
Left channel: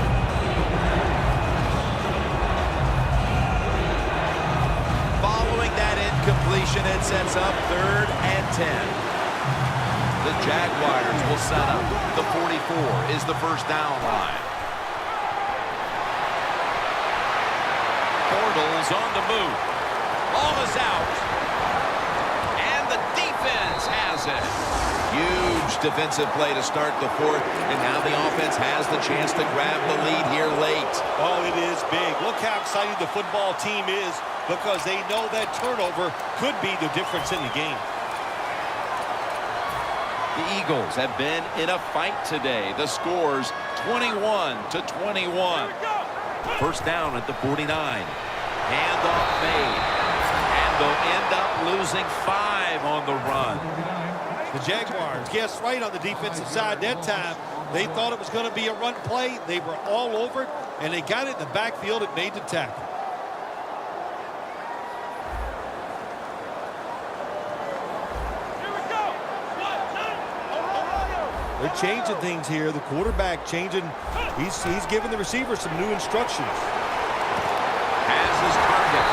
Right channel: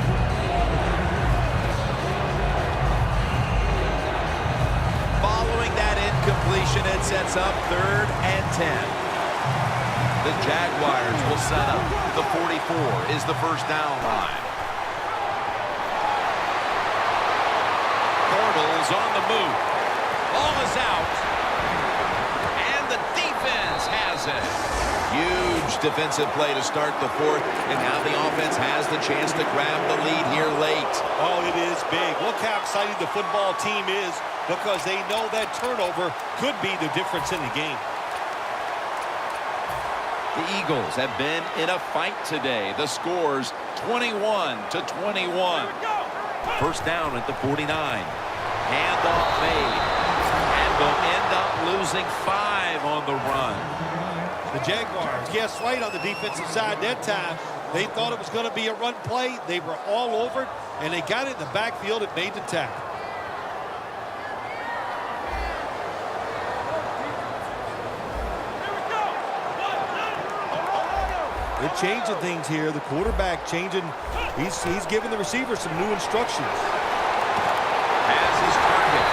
Following that incompletion, it sets up 3rd and 10. The Jaguars will set up. The 44 is the first down line. Bortles on the move. Ball is out. And the defense has it. Huge defensive play to start the fourth. And now the offense has the chance to grab the lead here late. Oh, it is big. Look how excited the football team is because they know that turnover could be the difference in the game. The Eagles have been in a fight today. The score's 21-21. First down at the 49. Handoff made. And they'll end up losing 5 on the run. The Jaguars, yes, right on the defensive side that time. They thought it was going to be a run play. They were all over it, and they got it in the backfield and made the tackle. They're changing things here. The quarterback changing. He's giving the receiver some new instructions. Has his target.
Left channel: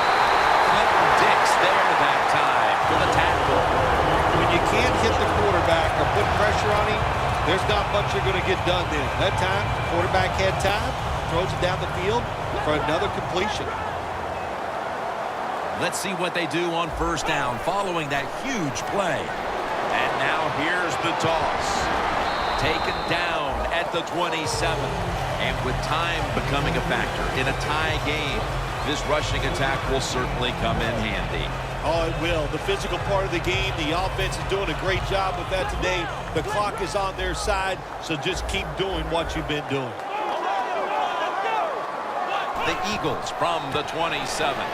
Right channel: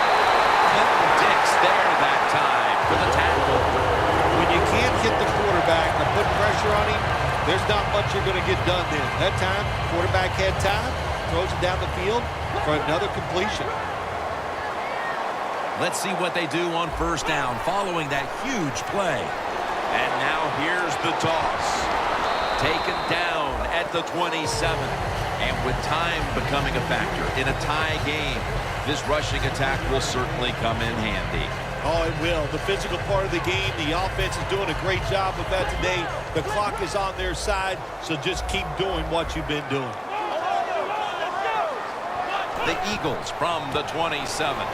Clinton Dix there that time for the tackle. When you can't hit the quarterback or put pressure on him, there's not much you're going to get done then. That time, quarterback had time, throws it down the field for another completion. Let's see what they do on first down following that huge play. And now here's the toss. Taken down at the 27. And with time becoming a factor in a tie game, this rushing attack will certainly come in handy. Oh, it will. The physical part of the game, the offense is doing a great job with that today. The clock is on their side, so just keep doing what you've been doing. The Eagles from the 27.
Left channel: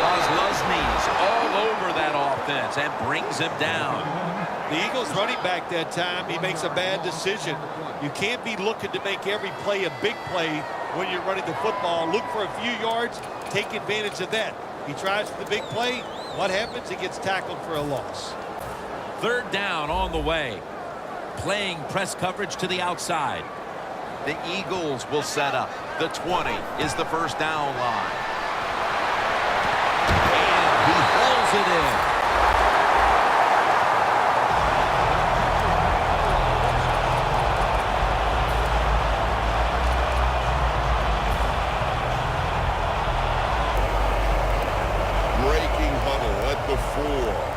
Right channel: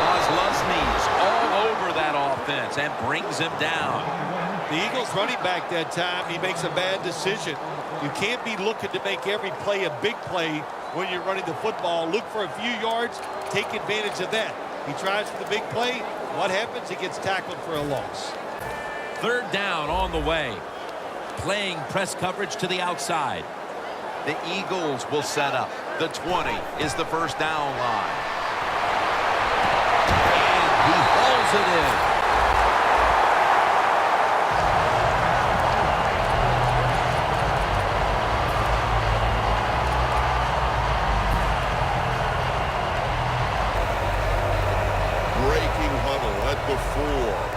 Kozlowski's all over that offense and brings him down. The Eagles running back that time, he makes a bad decision. You can't be looking to make every play a big play when you're running the football. Look for a few yards, take advantage of that. He tries for the big play. What happens? He gets tackled for a loss. Third down on the way. Playing press coverage to the outside. The Eagles will set up. The 20 is the first down line. And he hauls it in. Breaking huddle at the 4.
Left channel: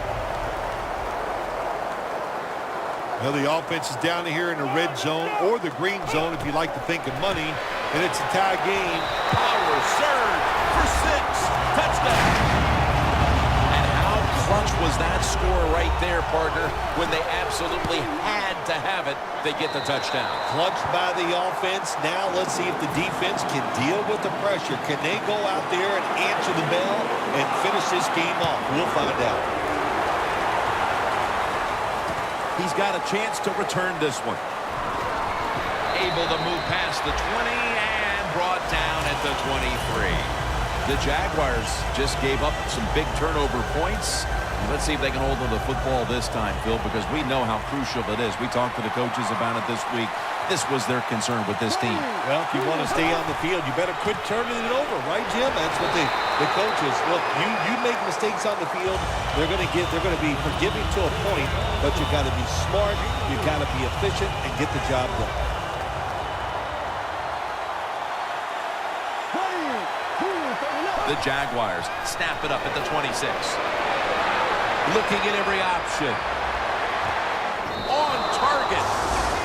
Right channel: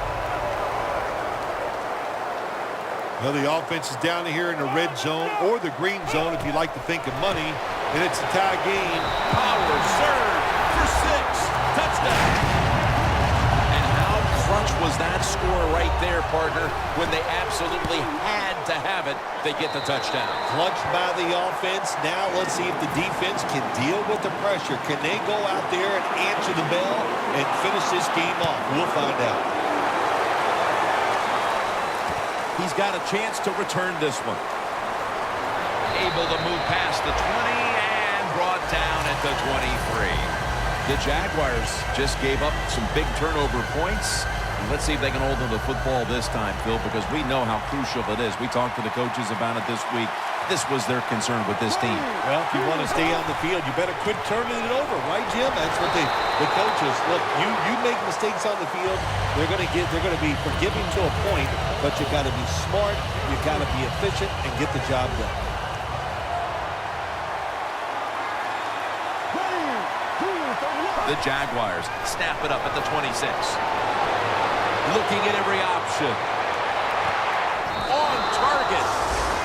Well, the offense is down here in the red zone or the green zone if you like to think of money, and it's a tie game. Power surge for 6. Touchdown. And how clutch was that score right there, partner? When they absolutely had to have it, they get the touchdown. Clutched by the offense. Now let's see if the defense can deal with the pressure. Can they go out there and answer the bell and finish this game off? We'll find out. He's got a chance to return this one. Able to move past the 20 and brought down at the 23. The Jaguars just gave up some big turnover points. And let's see if they can hold on to the football this time, Phil, because we know how crucial it is. We talked to the coaches about it this week. This was their concern with this team. Well, if you want to stay on the field, you better quit turning it over, right, Jim? That's what the coaches look. You make mistakes on the field, they're going to be forgiving to a point, but you got to be smart, you got to be efficient, and get the job done. The Jaguars snap it up at the 26. Looking at every option. On target.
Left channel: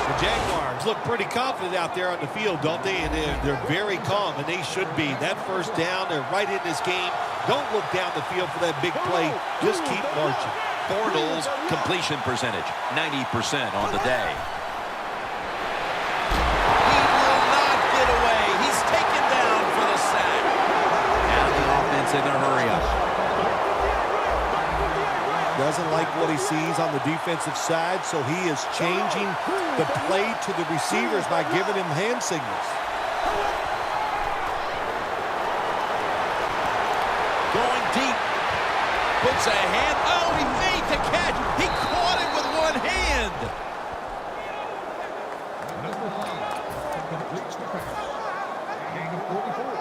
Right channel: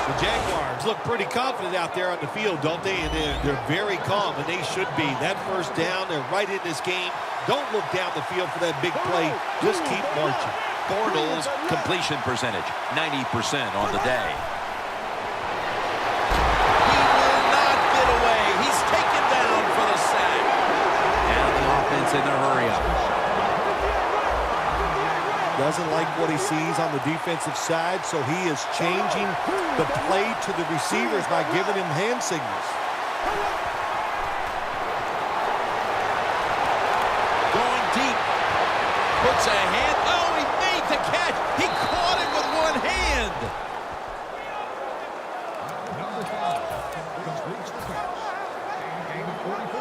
The Jaguars look pretty confident out there on the field, don't they? And they're very calm, and they should be. That first down, they're right in this game. Don't look down the field for that big play. Just keep marching. Bortles completion percentage, 90% on the day. He will not get away. He's taken down for the sack. Now the offense in their hurry up. Doesn't like what he sees on the defensive side, so he is changing the play to the receivers by giving him hand signals. Going deep. Puts a hand. Oh, he made the catch. He caught it with one hand.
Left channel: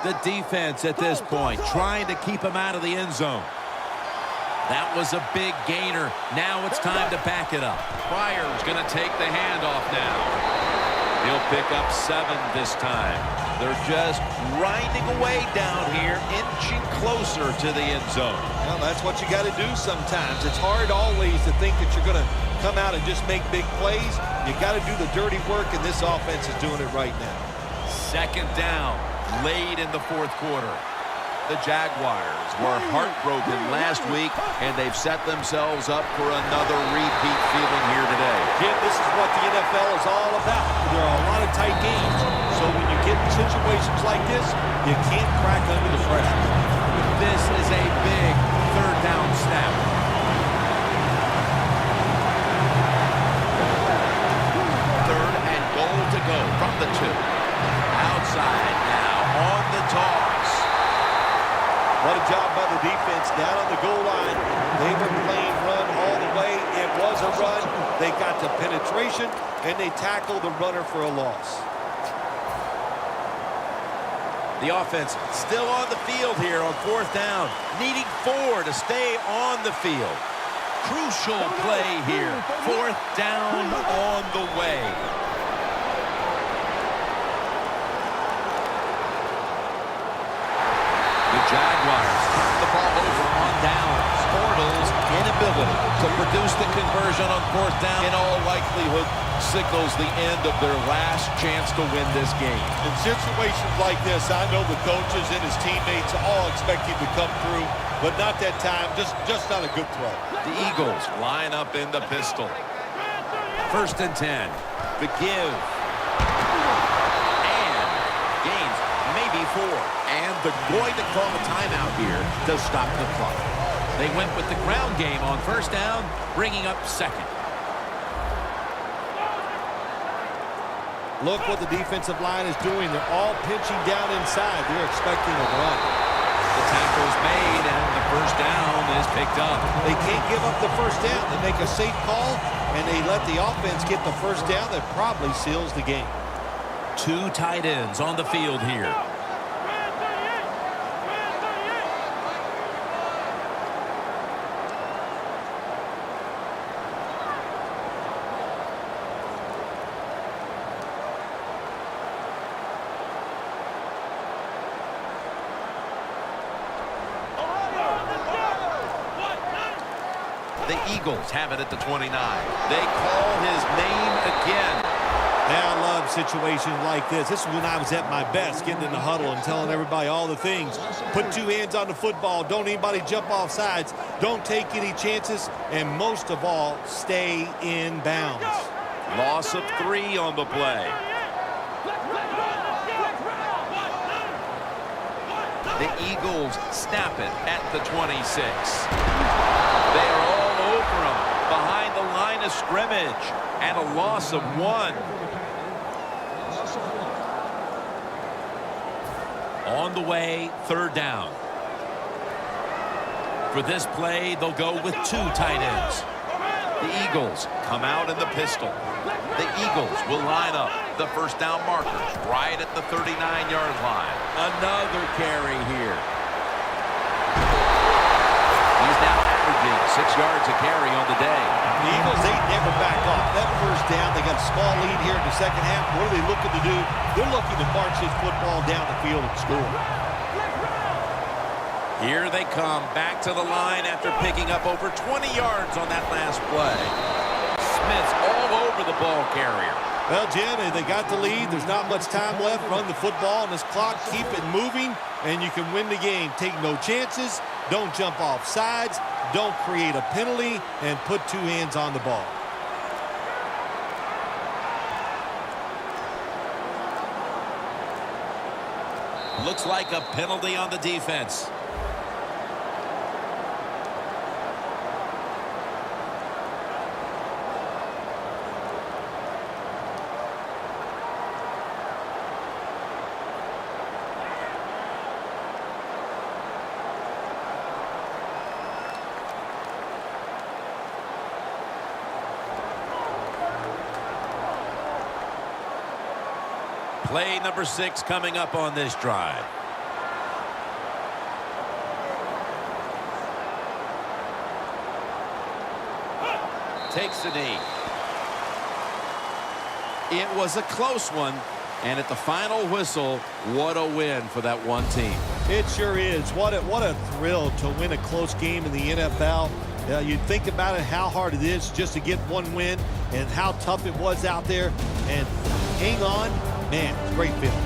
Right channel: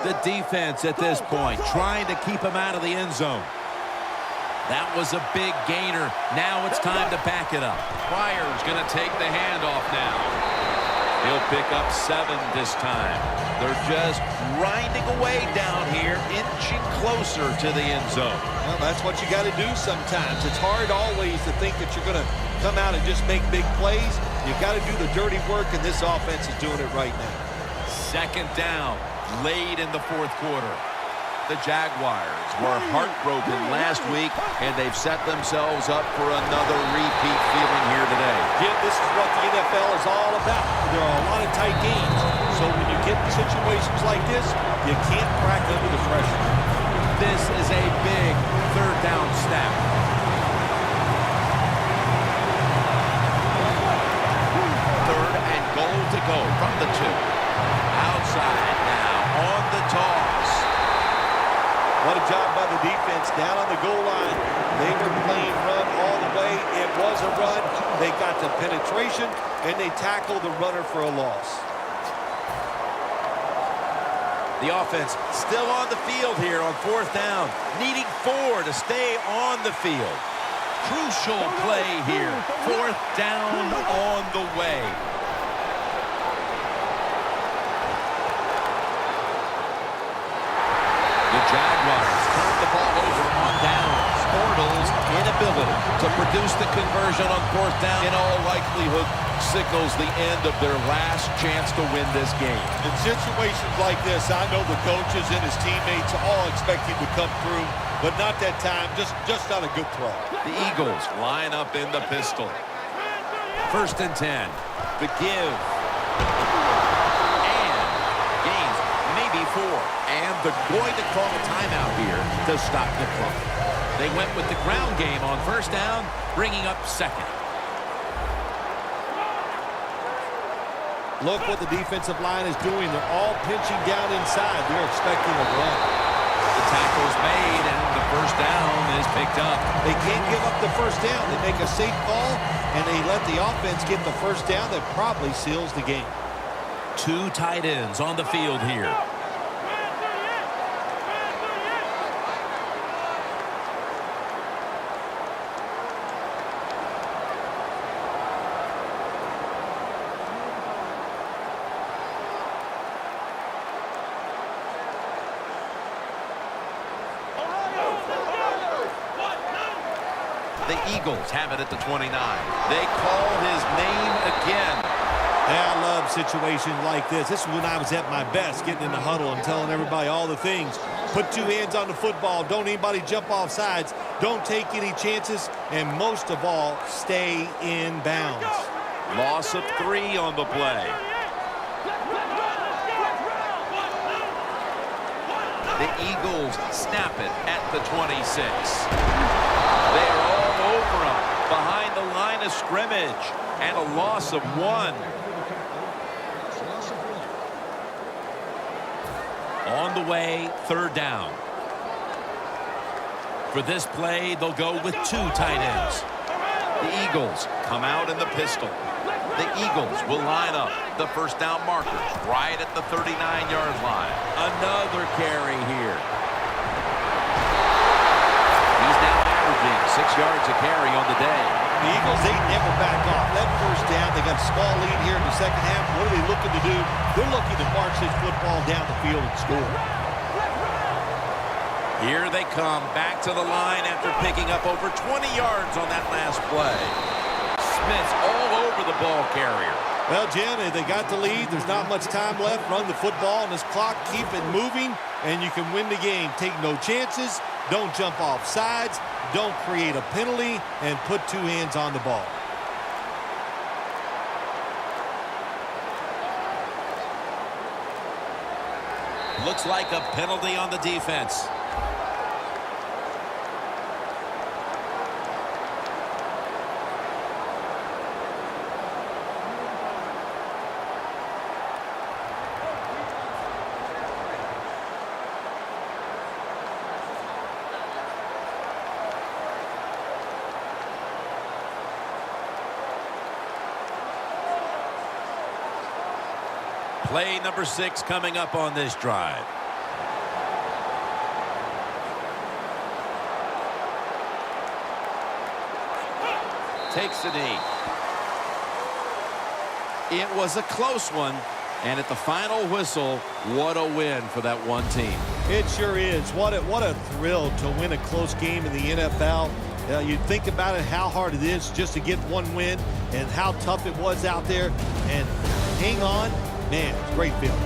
The defense at this point trying to keep him out of the end zone. That was a big gainer. Now it's time to back it up. Pryor's going to take the handoff now. He'll pick up 7 this time. They're just grinding away down here, inching closer to the end zone. Well, that's what you got to do sometimes. It's hard always to think that you're going to come out and just make big plays. You got to do the dirty work, and this offense is doing it right now. Second down, late in the fourth quarter. The Jaguars were heartbroken last week, and they've set themselves up for another repeat feeling here today. Jim, this is what the NFL is all about. There are a lot of tight games, so when you get in situations like this, you can't crack under the pressure. This is a big third down snap. Third and goal to go from the 2. Outside now on the toss. What a job by the defense down on the goal line. They were playing run all the way. It was a run. They got the penetration, and they tackled the runner for a loss. The offense still on the field here on fourth down, needing 4 to stay on the field. Crucial play here. Fourth down on the way. The Jaguars turn the ball over on downs. Bortles' inability to produce the conversion on fourth down in all likelihood signals the end of their last chance to win this game. In situations like this, I know the coaches and his teammates all expect him to come through, but not that time. Just not a good throw. The Eagles line up in the pistol. First and 10. The give. And gains maybe 4. And they're going to call a timeout here to stop the clock. They went with the ground game on first down, bringing up second. Look what the defensive line is doing. They're all pinching down inside. They're expecting a run. The tackle's made, and the first down is picked up. They can't give up the first down. They make a safe call, and they let the offense get the first down. That probably seals the game. 2 tight ends on the field here. The Eagles have it at the 29. They call his name again. Yeah, I love situations like this. This is when I was at my best, getting in the huddle and telling everybody all the things. Put 2 hands on the football. Don't anybody jump off sides. Don't take any chances. And most of all, stay in bounds. Loss of 3 on the play. The Eagles snap it at the 26. They are all over him behind the line of scrimmage, and a loss of 1. On the way, 3rd down. For this play, they'll go with 2 tight ends. The Eagles come out in the pistol. The Eagles will line up the first down markers right at the 39-yard line. Another carry here. He's now averaging 6 yards a carry on the day. The Eagles, they never back off. That first down, they got a small lead here in the second half. What are they looking to do? They're looking to march this football down the field and score. Here they come back to the line after picking up over 20 yards on that last play. Smith's all over the ball carrier. Well, Jim, they got the lead. There's not much time left. Run the football on this clock. Keep it moving, and you can win the game. Take no chances. Don't jump off sides. Don't create a penalty, and put 2 hands on the ball. Looks like a penalty on the defense. Play number 6 coming up on this drive. Takes the knee. It was a close one, and at the final whistle, what a win for that one team. It sure is. What a thrill to win a close game in the NFL. You think about it, how hard it is just to get one win and how tough it was out there. And hang on. Man, it's a great feeling.